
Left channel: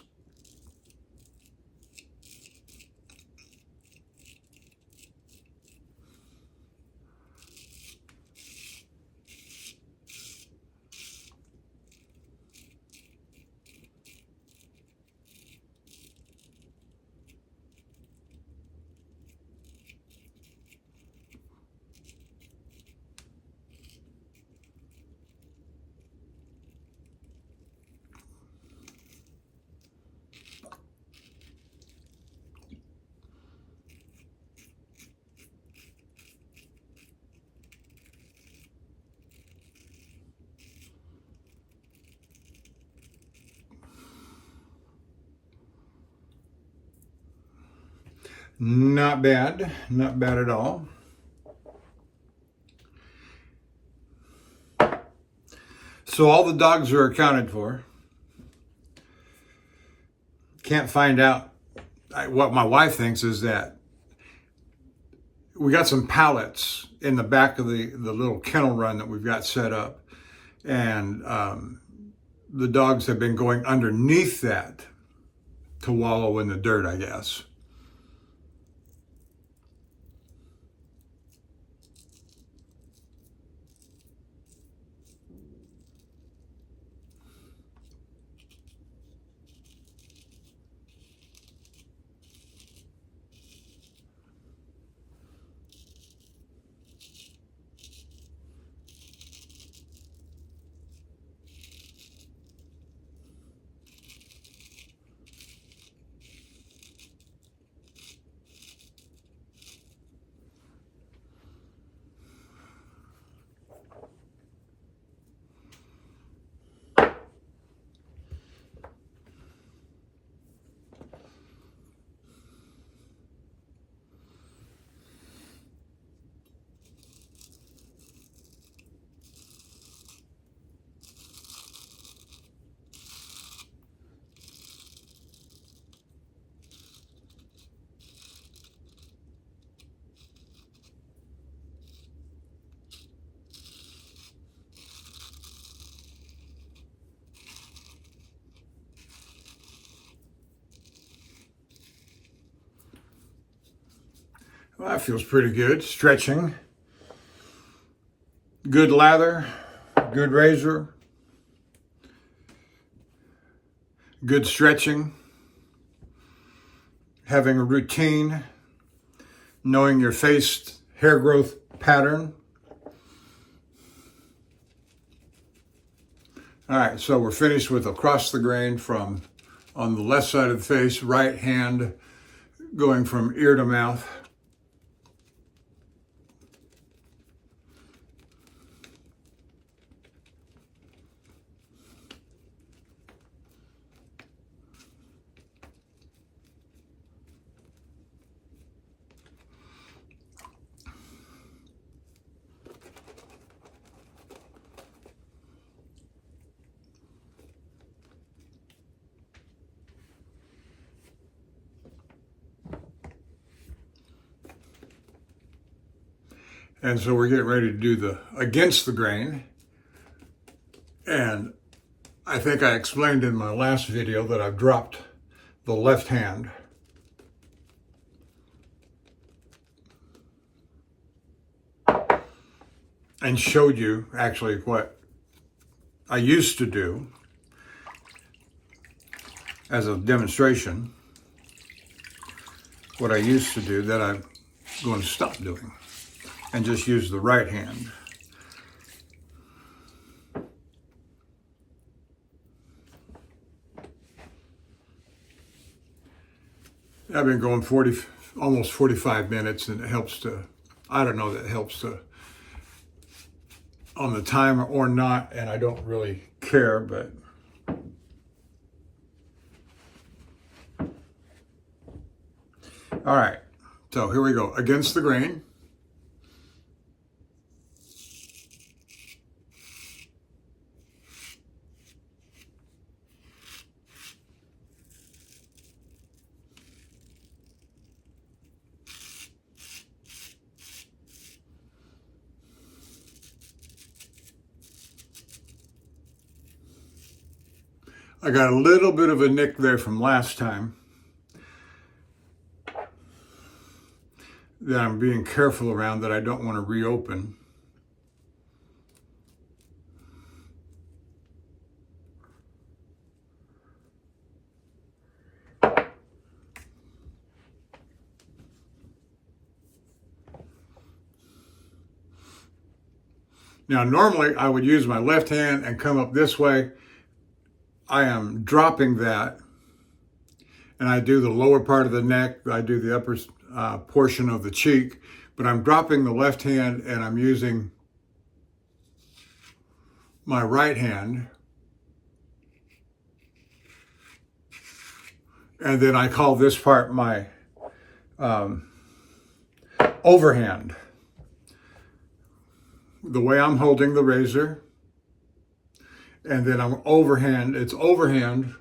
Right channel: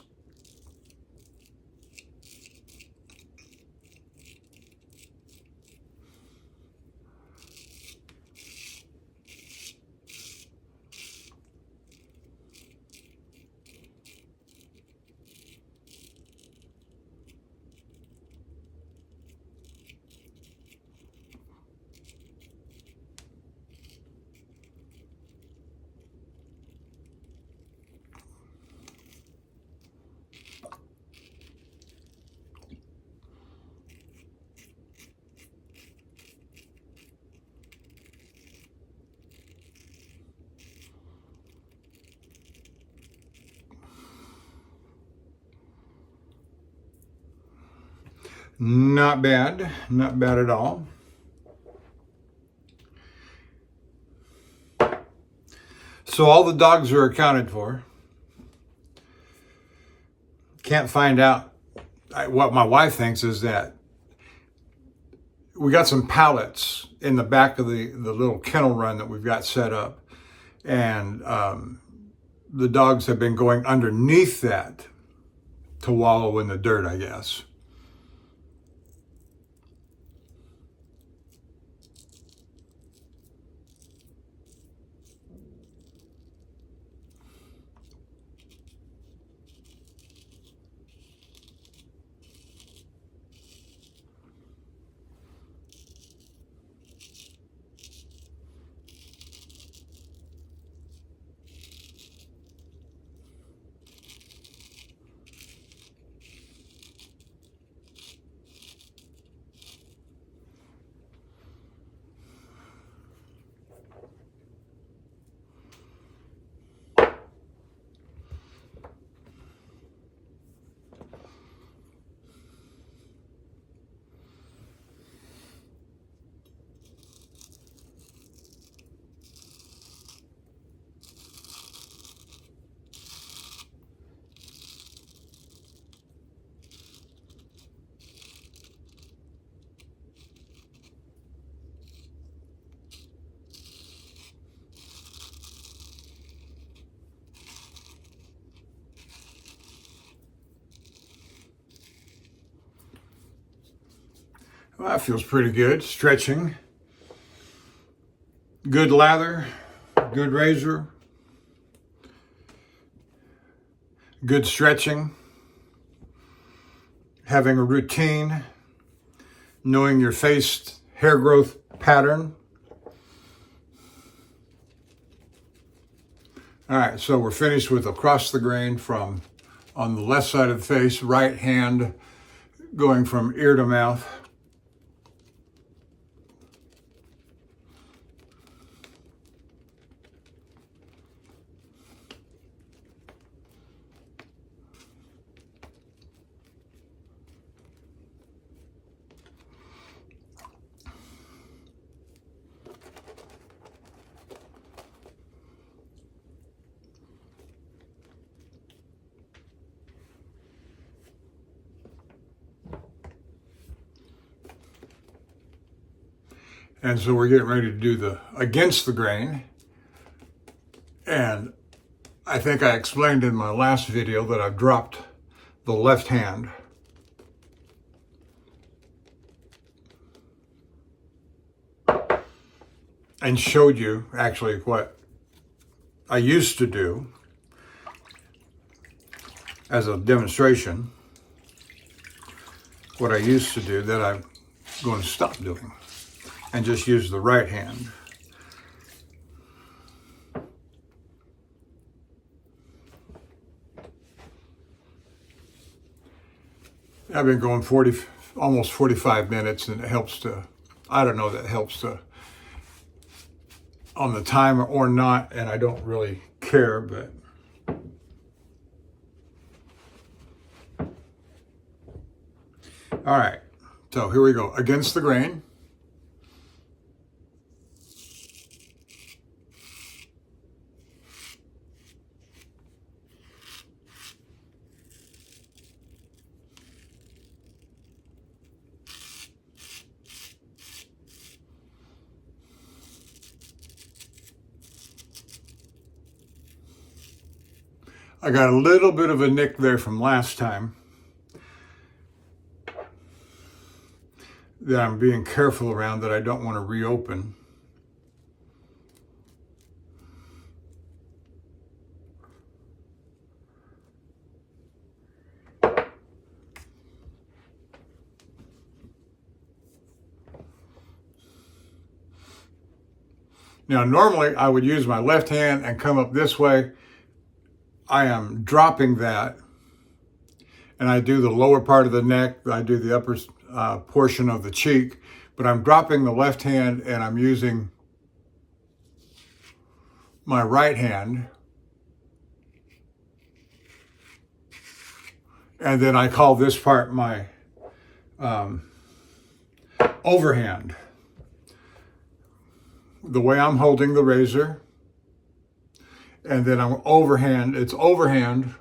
Not bad, not bad at all. So all the dogs are accounted for. Can't find out. What my wife thinks is that we got some pallets in the back of the little kennel run that we've got set up. And the dogs have been going underneath that to wallow in the dirt, I guess. Well, that feels pretty good. Stretching. Good lather. Good razor. Good stretching. Having a routine. Knowing your face hair growth pattern. All right, so we're finished with across the grain from on the left side of the face, right hand going from ear to mouth. And so we're getting ready to do the against the grain. And I think I explained in my last video that I've dropped the left hand. And showed you actually what I used to do as a demonstration. What I used to do that I'm going to stop doing and just use the right hand. I've been going almost 45 minutes, and it helps to, I don't know, that helps to on the timer or not, and I don't really care, but all right, so here we go, against the grain. I got a little bit of a nick there from last time that I'm being careful around, that I don't want to reopen. Now, normally I would use my left hand and come up this way. I am dropping that, and I do the lower part of the neck, I do the upper portion of the cheek, but I'm dropping the left hand and I'm using my right hand. And then I call this part my overhand. The way I'm holding the razor, and then I'm overhand, it's overhand.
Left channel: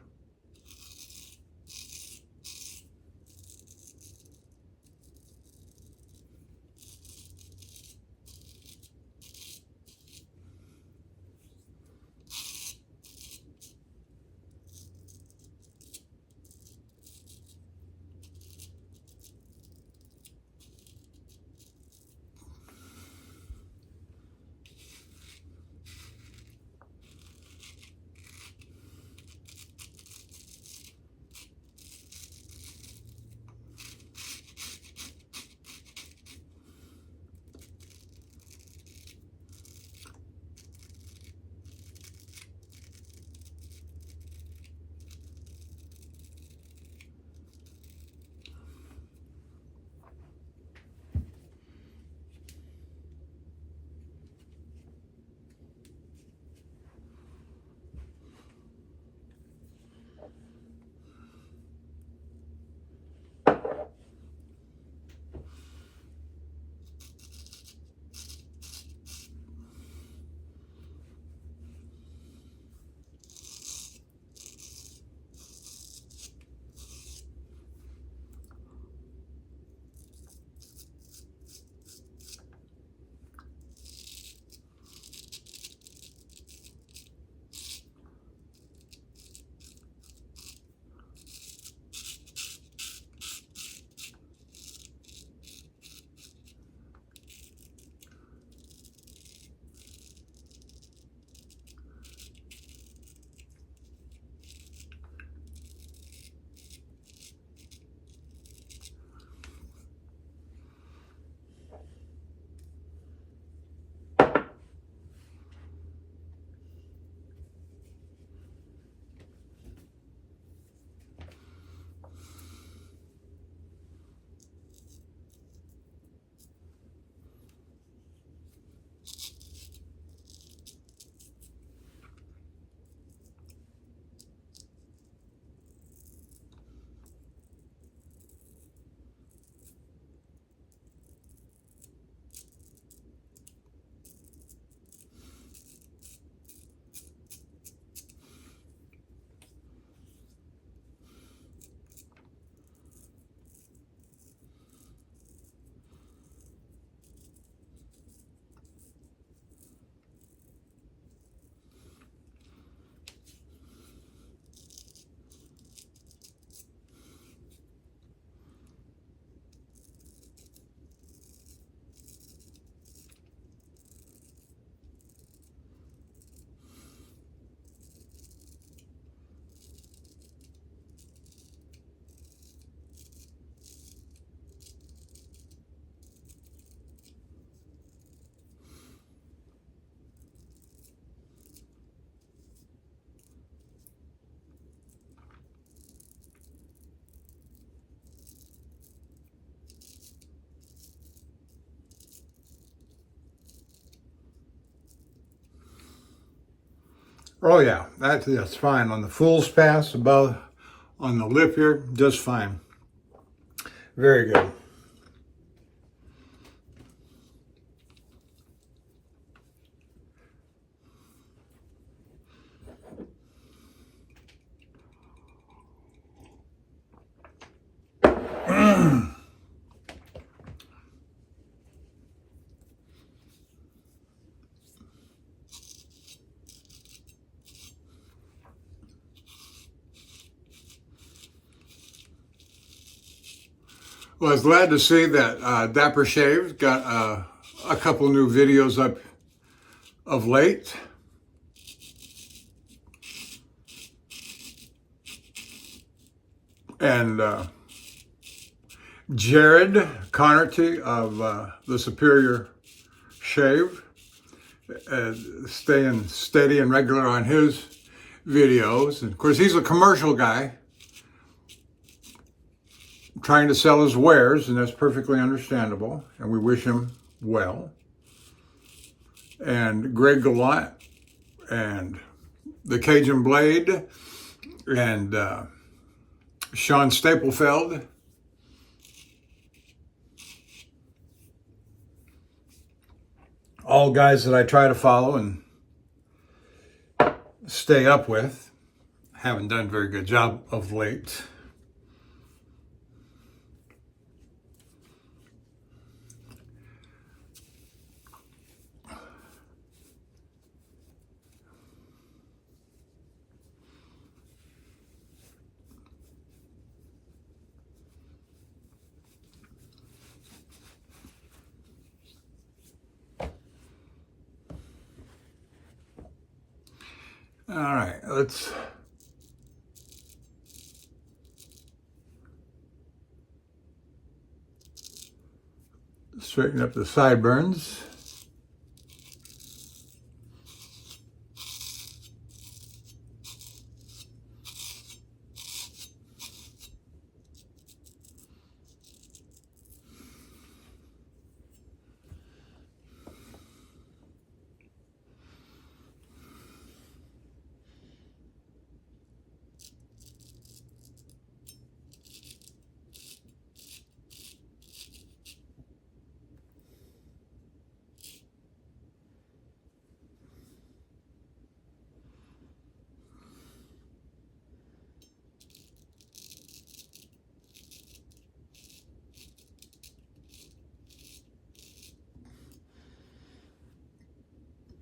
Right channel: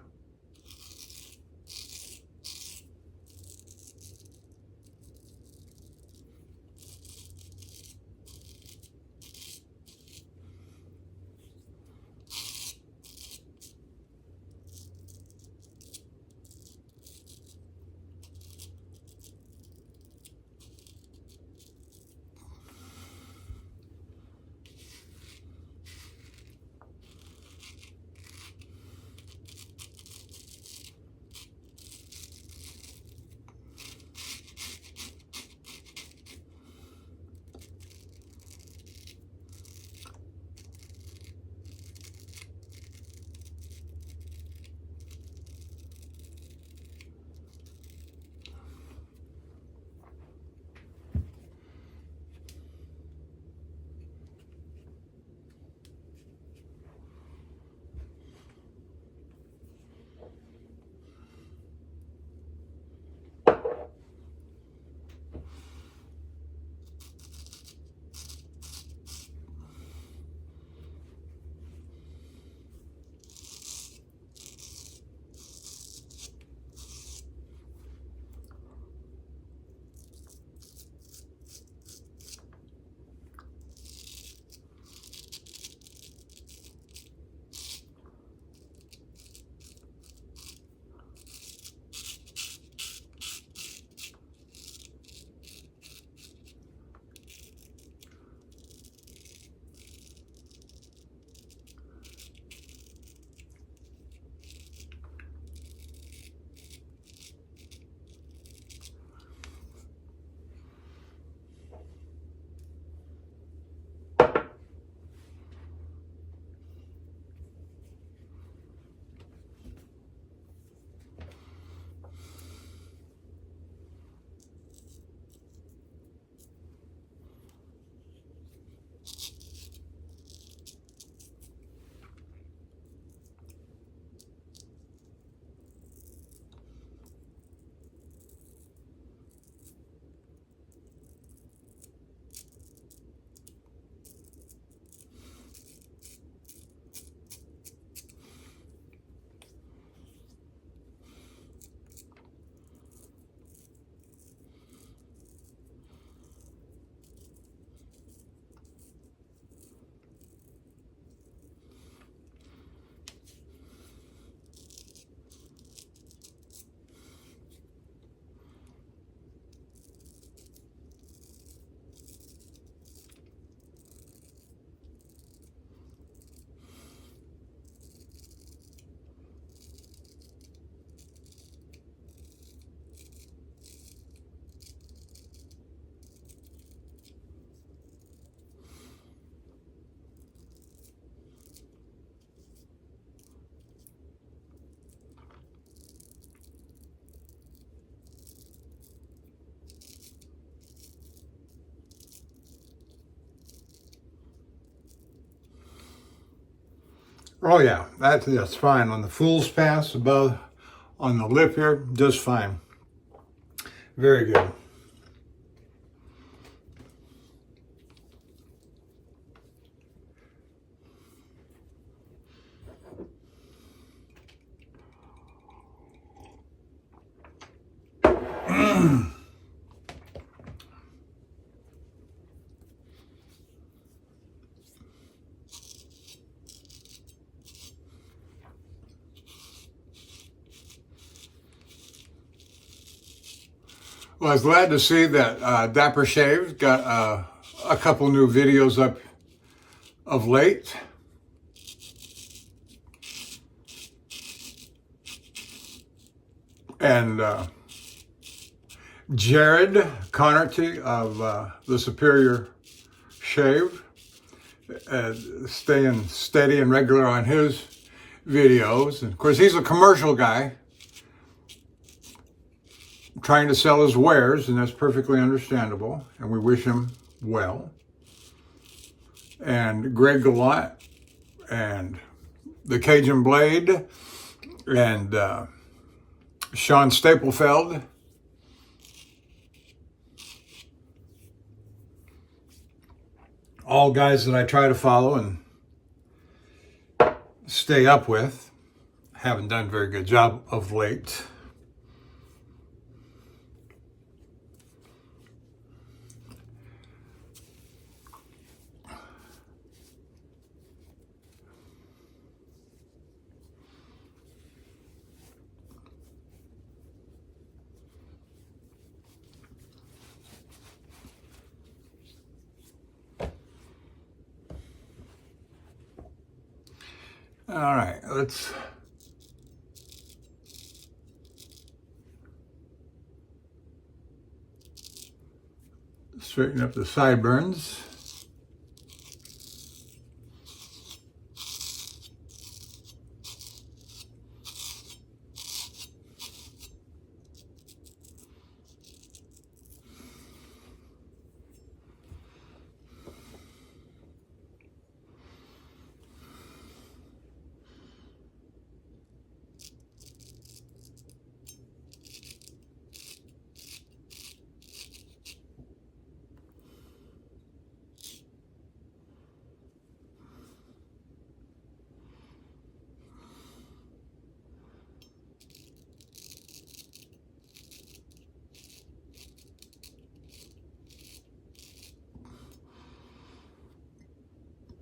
Oh yeah, that's fine. On the fool's pass above, on the lip here, just fine. Very good. Well, I was glad to see that Dapper Shave's got a couple new videos up of late. And Jared Connerty of the Superior Shave, staying steady and regular on his videos. And of course, he's a commercial guy trying to sell his wares, and that's perfectly understandable, and we wish him well. And Greg Gallant and the Cajun Blade and Sean Staplefeld, all guys that I try to follow and stay up with. Haven't done a very good job of late. All right, let's straighten up the sideburns.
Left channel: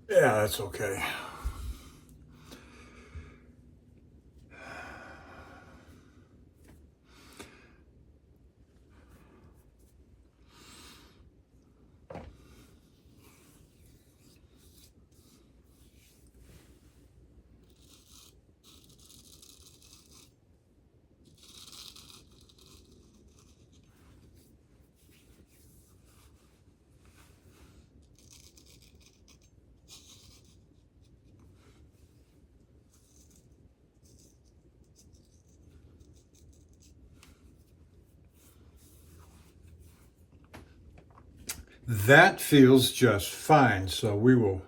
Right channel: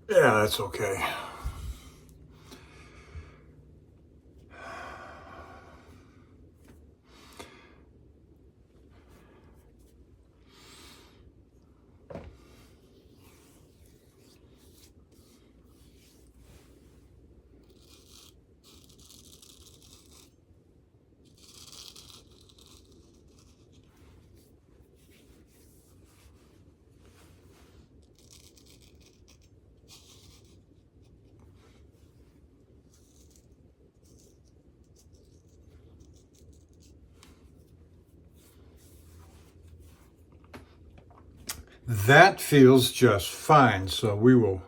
Yeah, that's okay. That feels just fine. So we will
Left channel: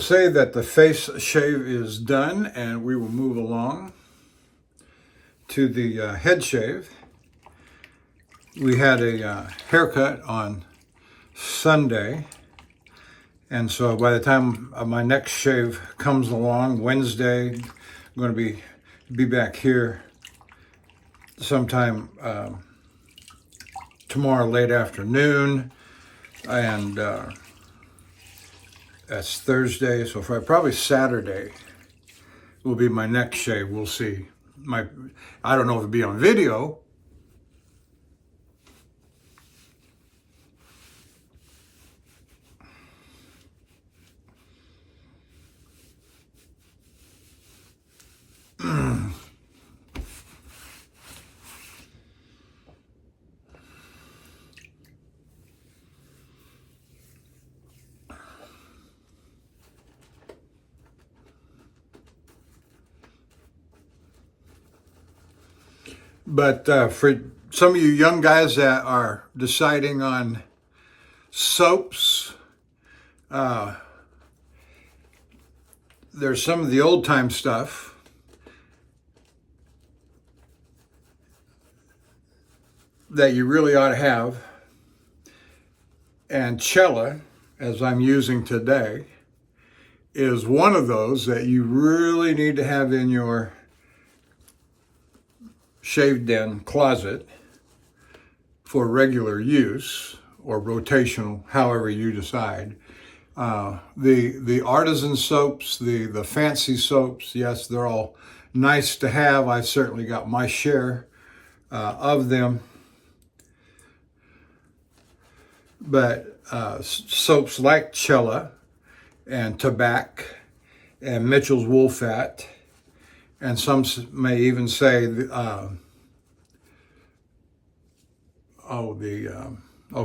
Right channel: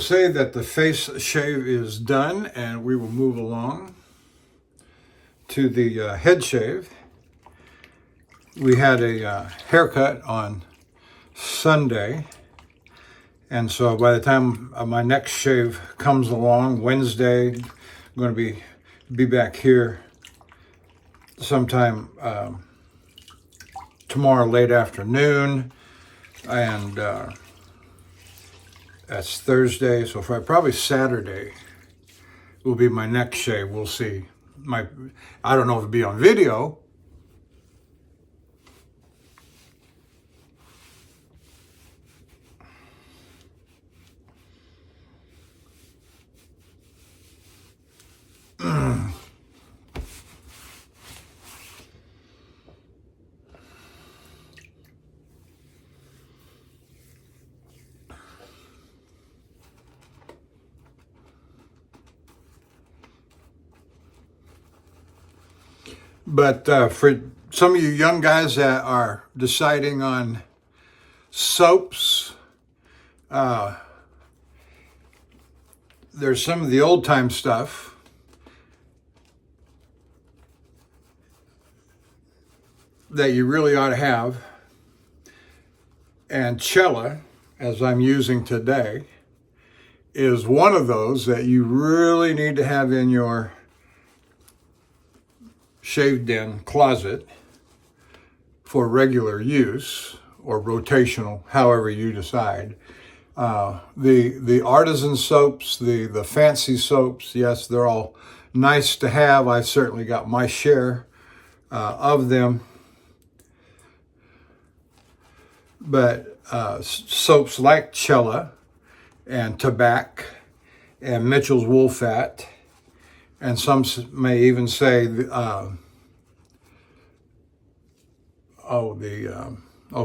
say that the face shave is done, and we will move along to the head shave. We had a haircut on Sunday, and so by the time my next shave comes along Wednesday, I'm going to be back here sometime tomorrow late afternoon, and that's Thursday, so probably Saturday will be my next shave. We'll see. I don't know if it'll be on video. But for some of you young guys that are deciding on soaps, there's some of the old time stuff that you really ought to have. And Cella, as I'm using today, is one of those that you really need to have in your shaved-in closet for regular use or rotational, however you decide. The artisan soaps, the fancy soaps, yes, they're all nice to have. I certainly got my share of them. But soaps like Cella and Tabac and Mitchell's Wool Fat, and some may even say,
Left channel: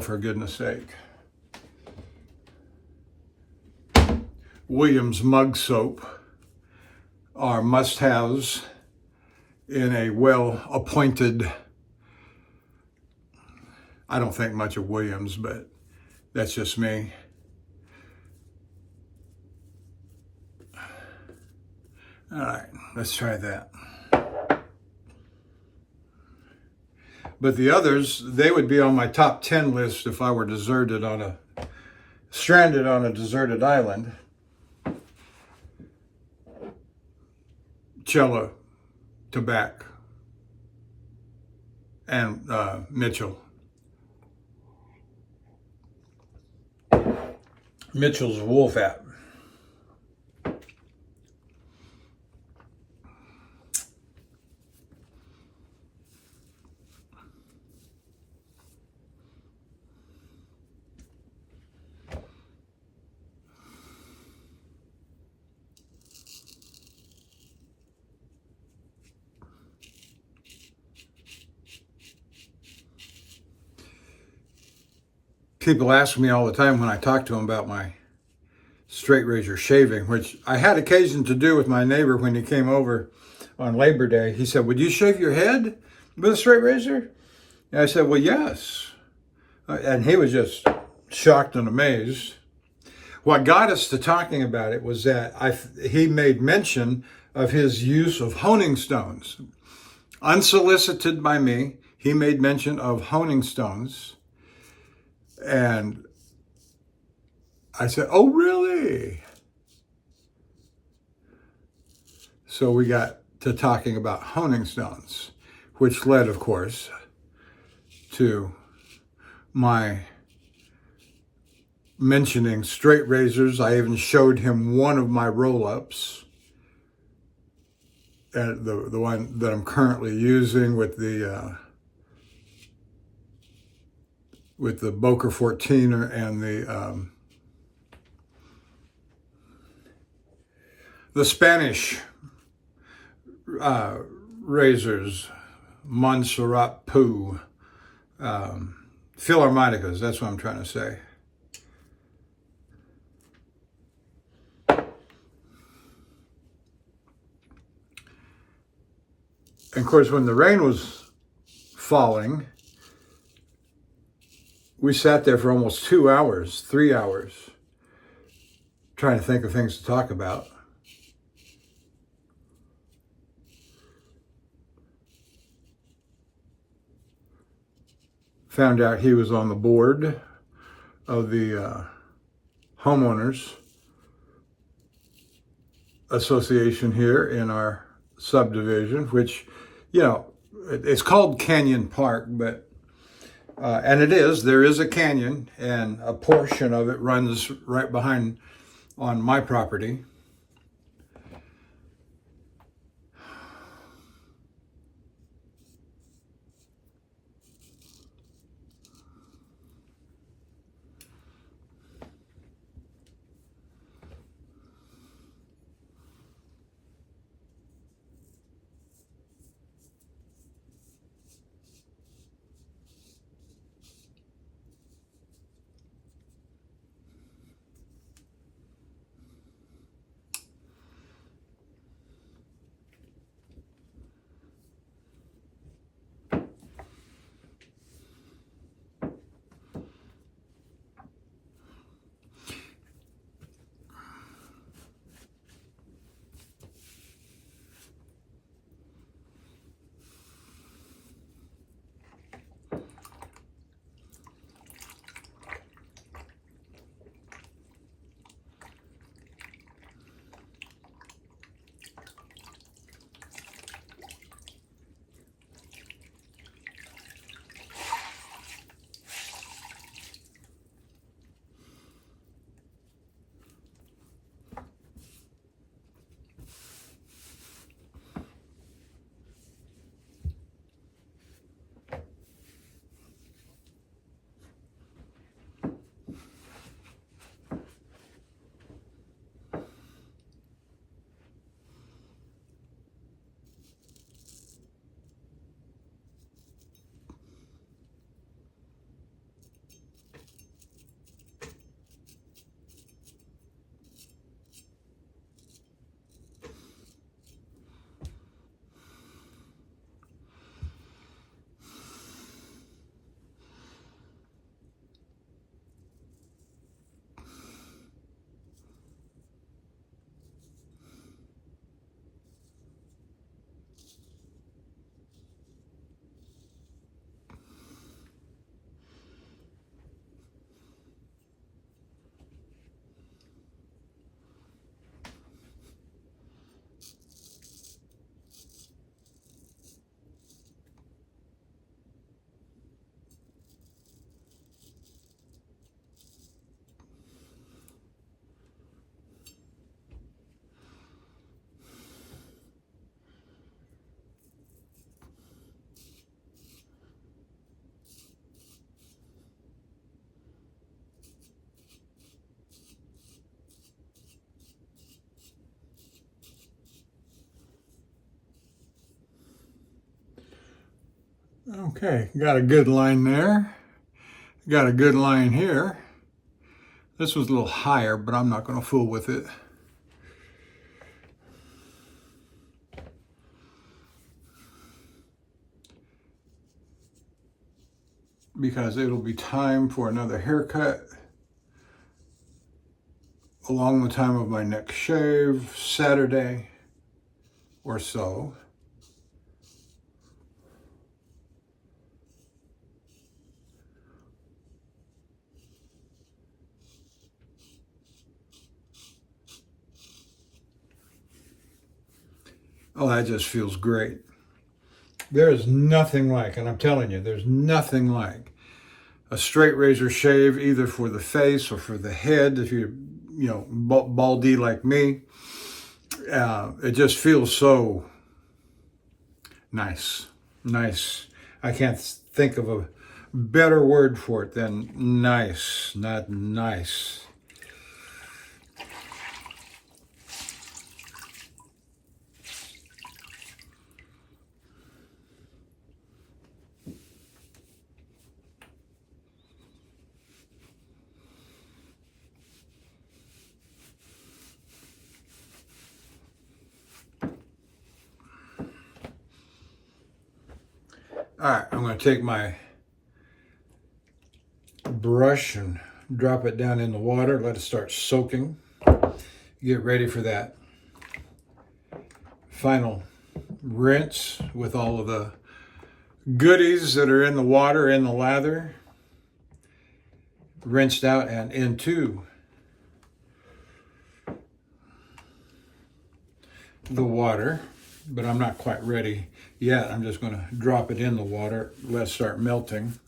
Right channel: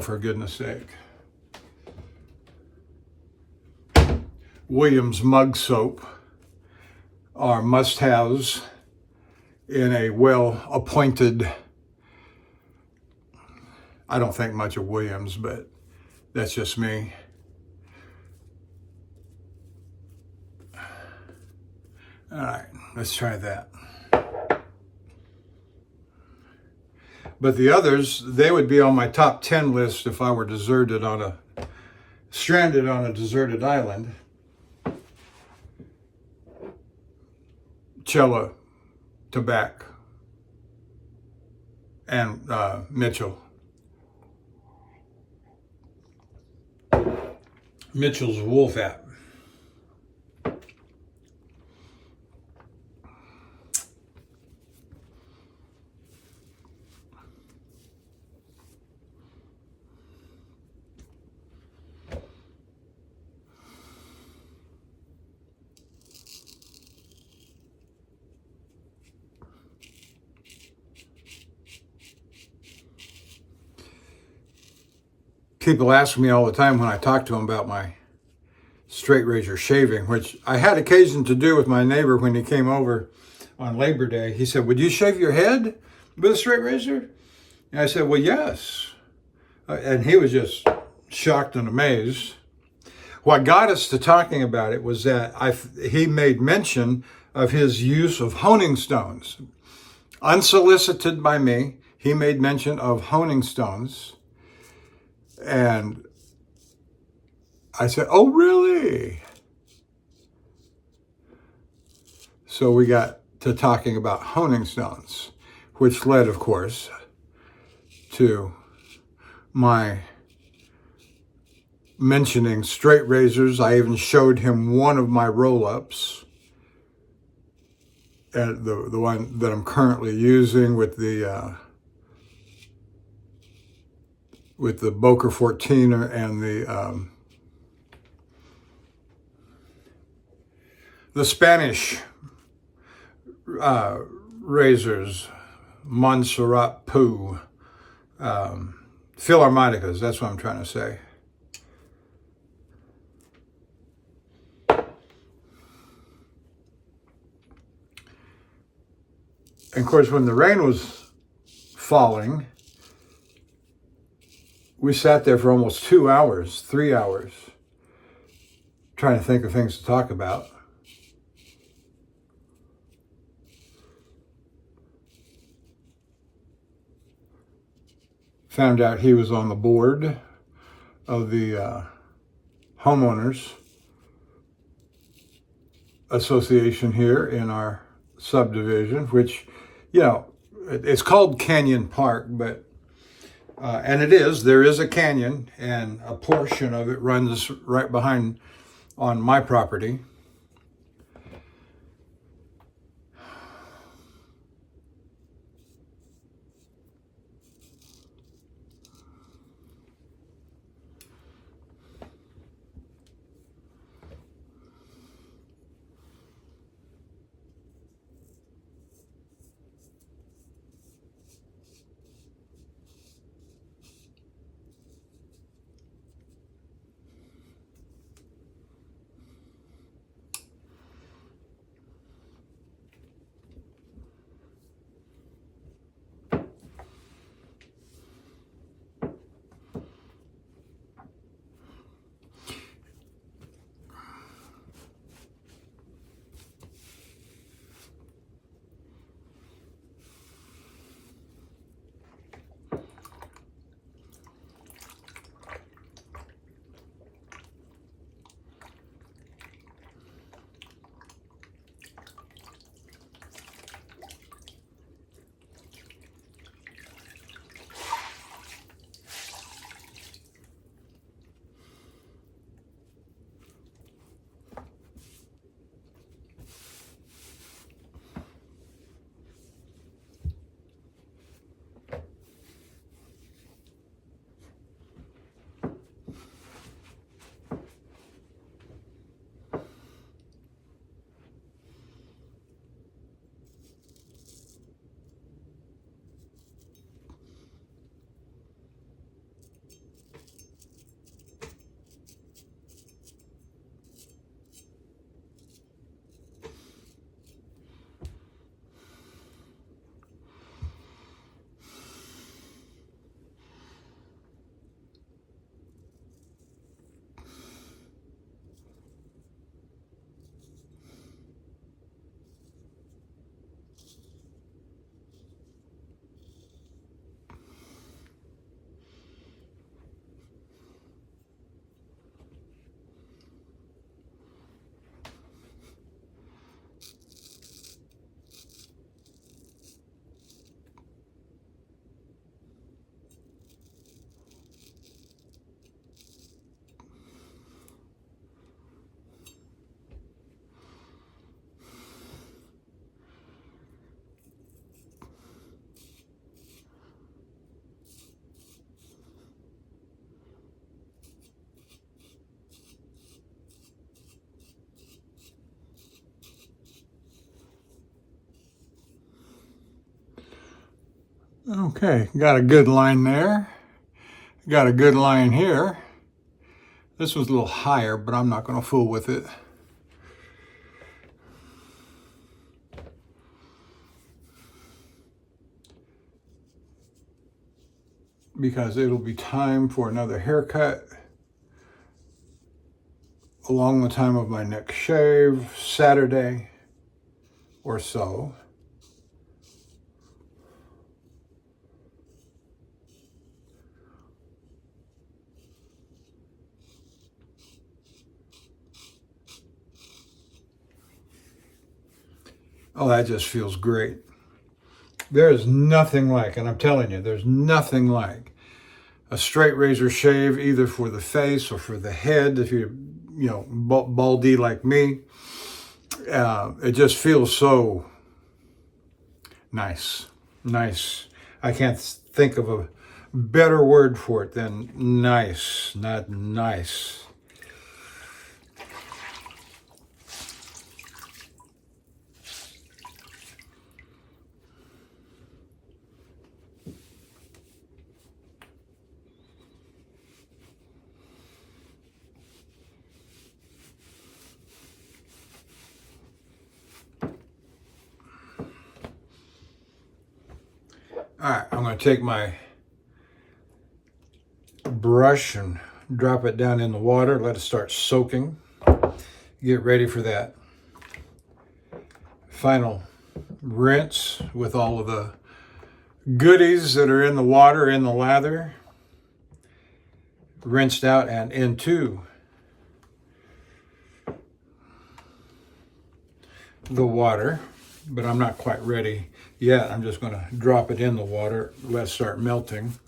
for goodness sake, Williams Mug Soap are must-haves in a well-appointed, I don't think much of Williams, but that's just me. All right, let's try that. But the others, they would be on my top 10 list if I were stranded on a deserted island. Cella, Tabac, and Mitchell's Wool Fat. People ask me all the time when I talk to them about my straight razor shaving, which I had occasion to do with my neighbor when he came over on Labor Day. He said, "Would you shave your head with a straight razor?" And I said, "Well, yes." And he was just shocked and amazed. What got us to talking about it was that he made mention of his use of honing stones. Unsolicited by me, he made mention of honing stones. And I said, "Oh, really?" So we got to talking about honing stones, which led, of course, to my mentioning straight razors. I even showed him one of my roll-ups, the one that I'm currently using with the Boker 14er and the Spanish razors, Montserrat Poo, Philharmonicas, that's what I'm trying to say. And of course, when the rain was falling, we sat there for almost 2 hours, 3 hours, trying to think of things to talk about. Found out he was on the board of the homeowners association here in our subdivision, which, it's called Canyon Park, but and there is a canyon, and a portion of it runs right behind on my property. Okay, got a good line there. Got a good line here. This was a little higher, but I'm not going to fool with it. Because it'll be time for another haircut along the time of my next shave, Saturday or so. Oh, that just feels great. There is nothing like, and I'm telling you, there's nothing like a straight razor shave, either for the face or for the head, if you're, baldy like me. It just feels so nice. Nice. I can't think of a better word for it than nice, not nice. All right, I'm going to take my brush and drop it down in the water, let it start soaking. Get ready for that final rinse with all of the goodies that are in the water, in the lather, rinsed out and into the water. But I'm not quite ready yet. I'm just going to drop it in the water, let it start melting.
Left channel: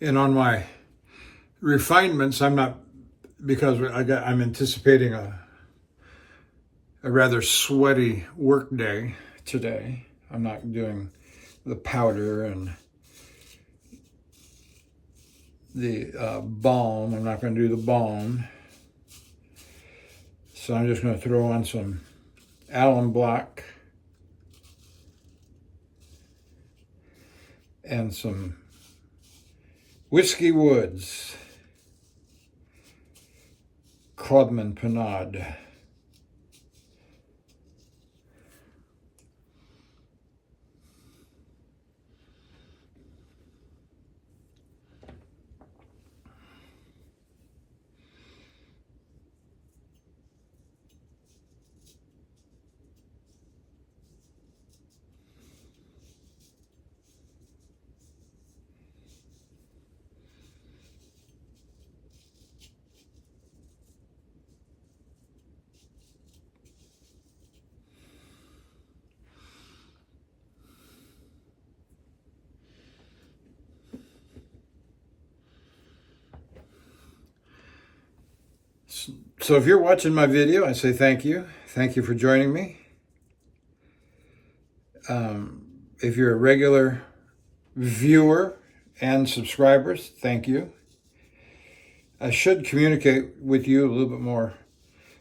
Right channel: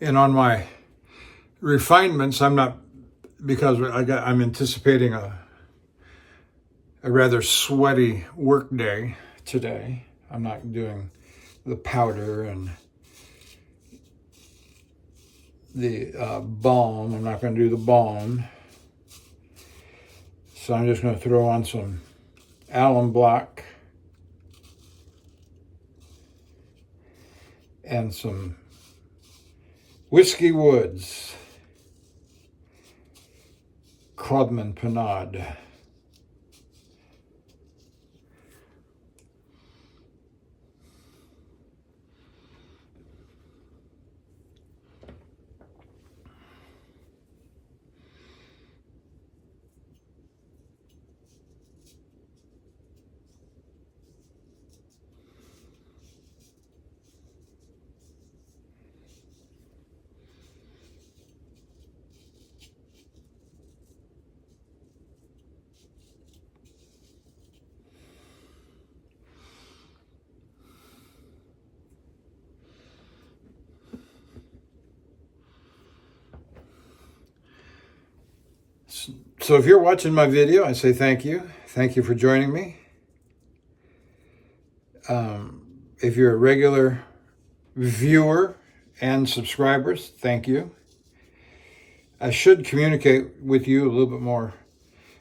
And on my refinements, I'm not, because I'm anticipating a rather sweaty work day today. I'm not doing the powder and the balm. I'm not going to do the balm. So I'm just going to throw on some alum block and some Whiskey Woods Crodman Panade. So if you're watching my video, I say thank you. Thank you for joining me. If you're a regular viewer and subscribers, thank you. I should communicate with you a little bit more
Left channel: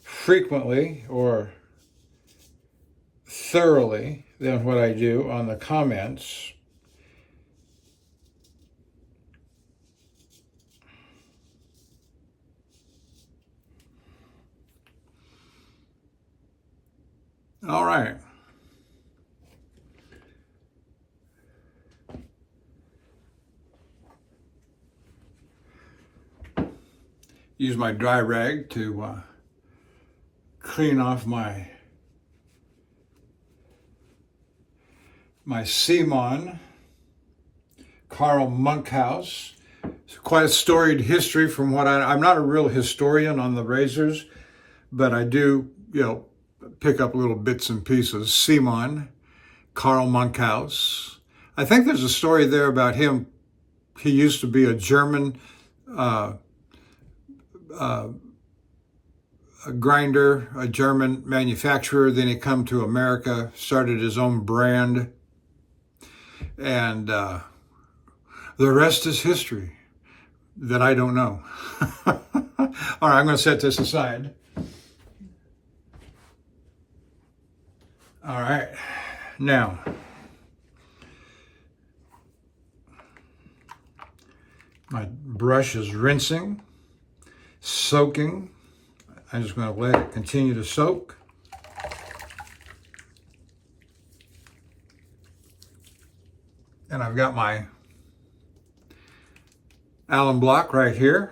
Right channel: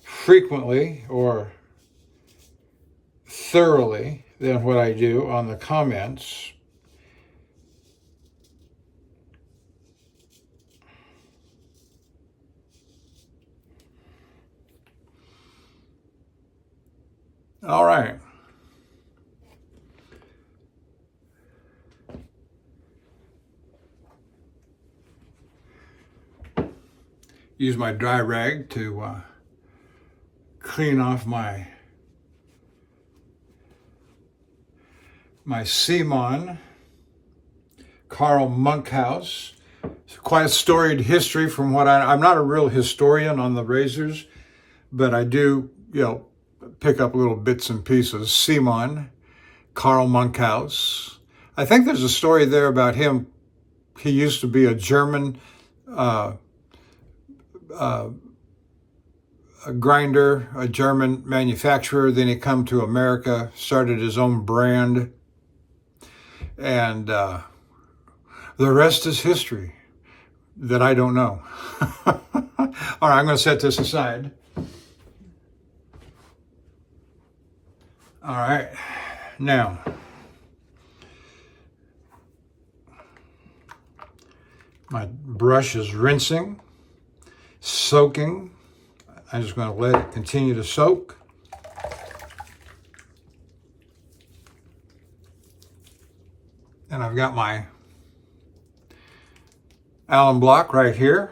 frequently or thoroughly than what I do on the comments. All right. Use my dry rag to clean off my Simon Carl Monkhouse. It's quite a storied history from what I'm not a real historian on the razors, but I do, pick up little bits and pieces. Simon Carl Monkhouse. I think there's a story there about him. He used to be a German grinder, a German manufacturer. Then he come to America, started his own brand, and the rest is history that I don't know. All right, I'm going to set this aside. All right, now, my brush is rinsing, soaking. I'm just going to let it continue to soak. And I've got my Allen block right here.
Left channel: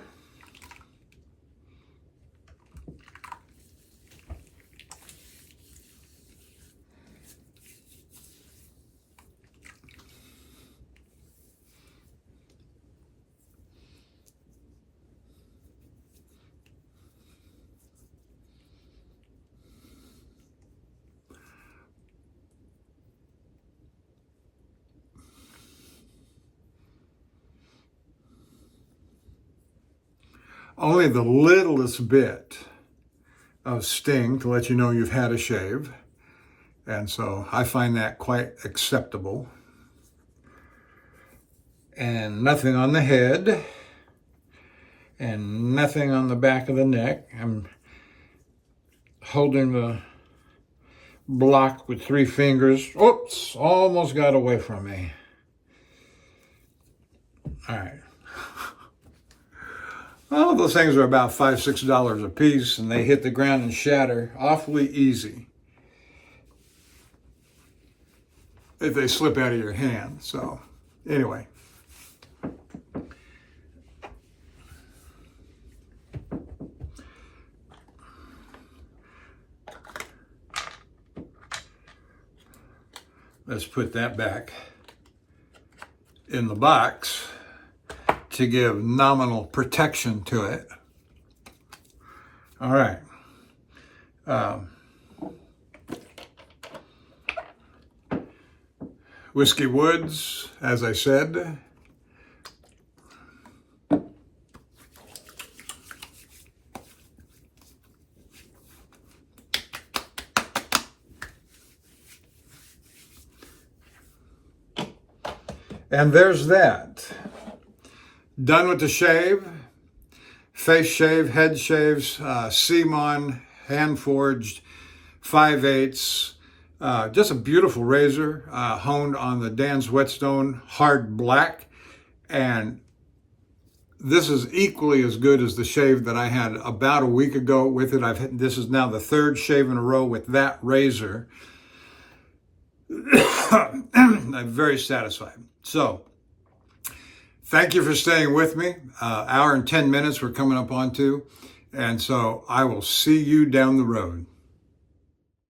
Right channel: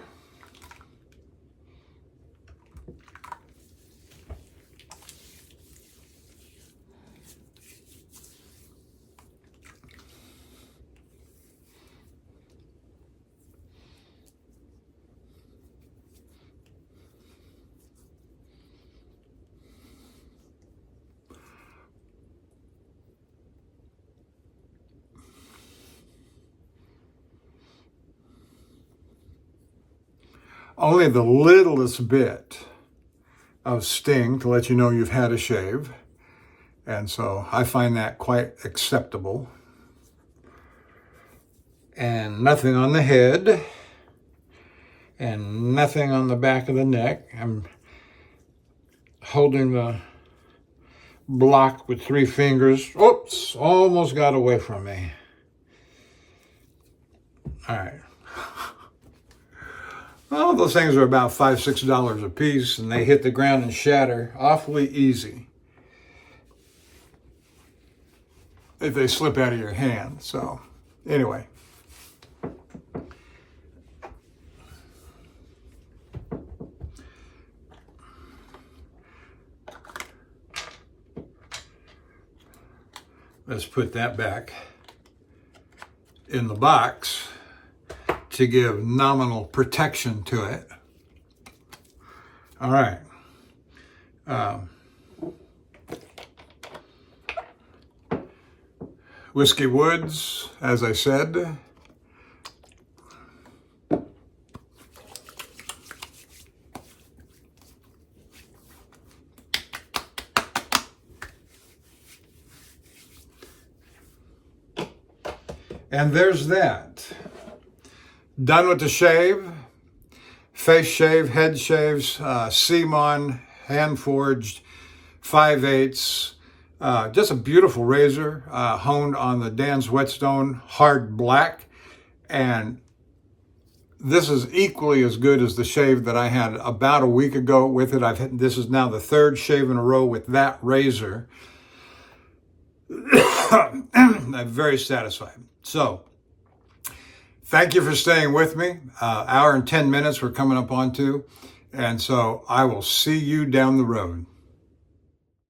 Only the littlest bit of sting to let you know you've had a shave. And so I find that quite acceptable. And nothing on the head. And nothing on the back of the neck. I'm holding the block with 3 fingers. Oops, almost got away from me. All right. Well, those things are about $5, $6 a piece, and they hit the ground and shatter awfully easy if they slip out of your hand. So, anyway. Let's put that back in the box to give nominal protection to it. All right. Whiskey Woods, as I said. And there's that. Done with the shave, face shave, head shaves, Simon, hand forged, 5/8. Just a beautiful razor, honed on the Dan's Whetstone hard black. And this is equally as good as the shave that I had about a week ago with it. This is now the 3rd shave in a row with that razor. I'm very satisfied. So, thank you for staying with me. Hour and 10 minutes we're coming up on to. And so I will see you down the road.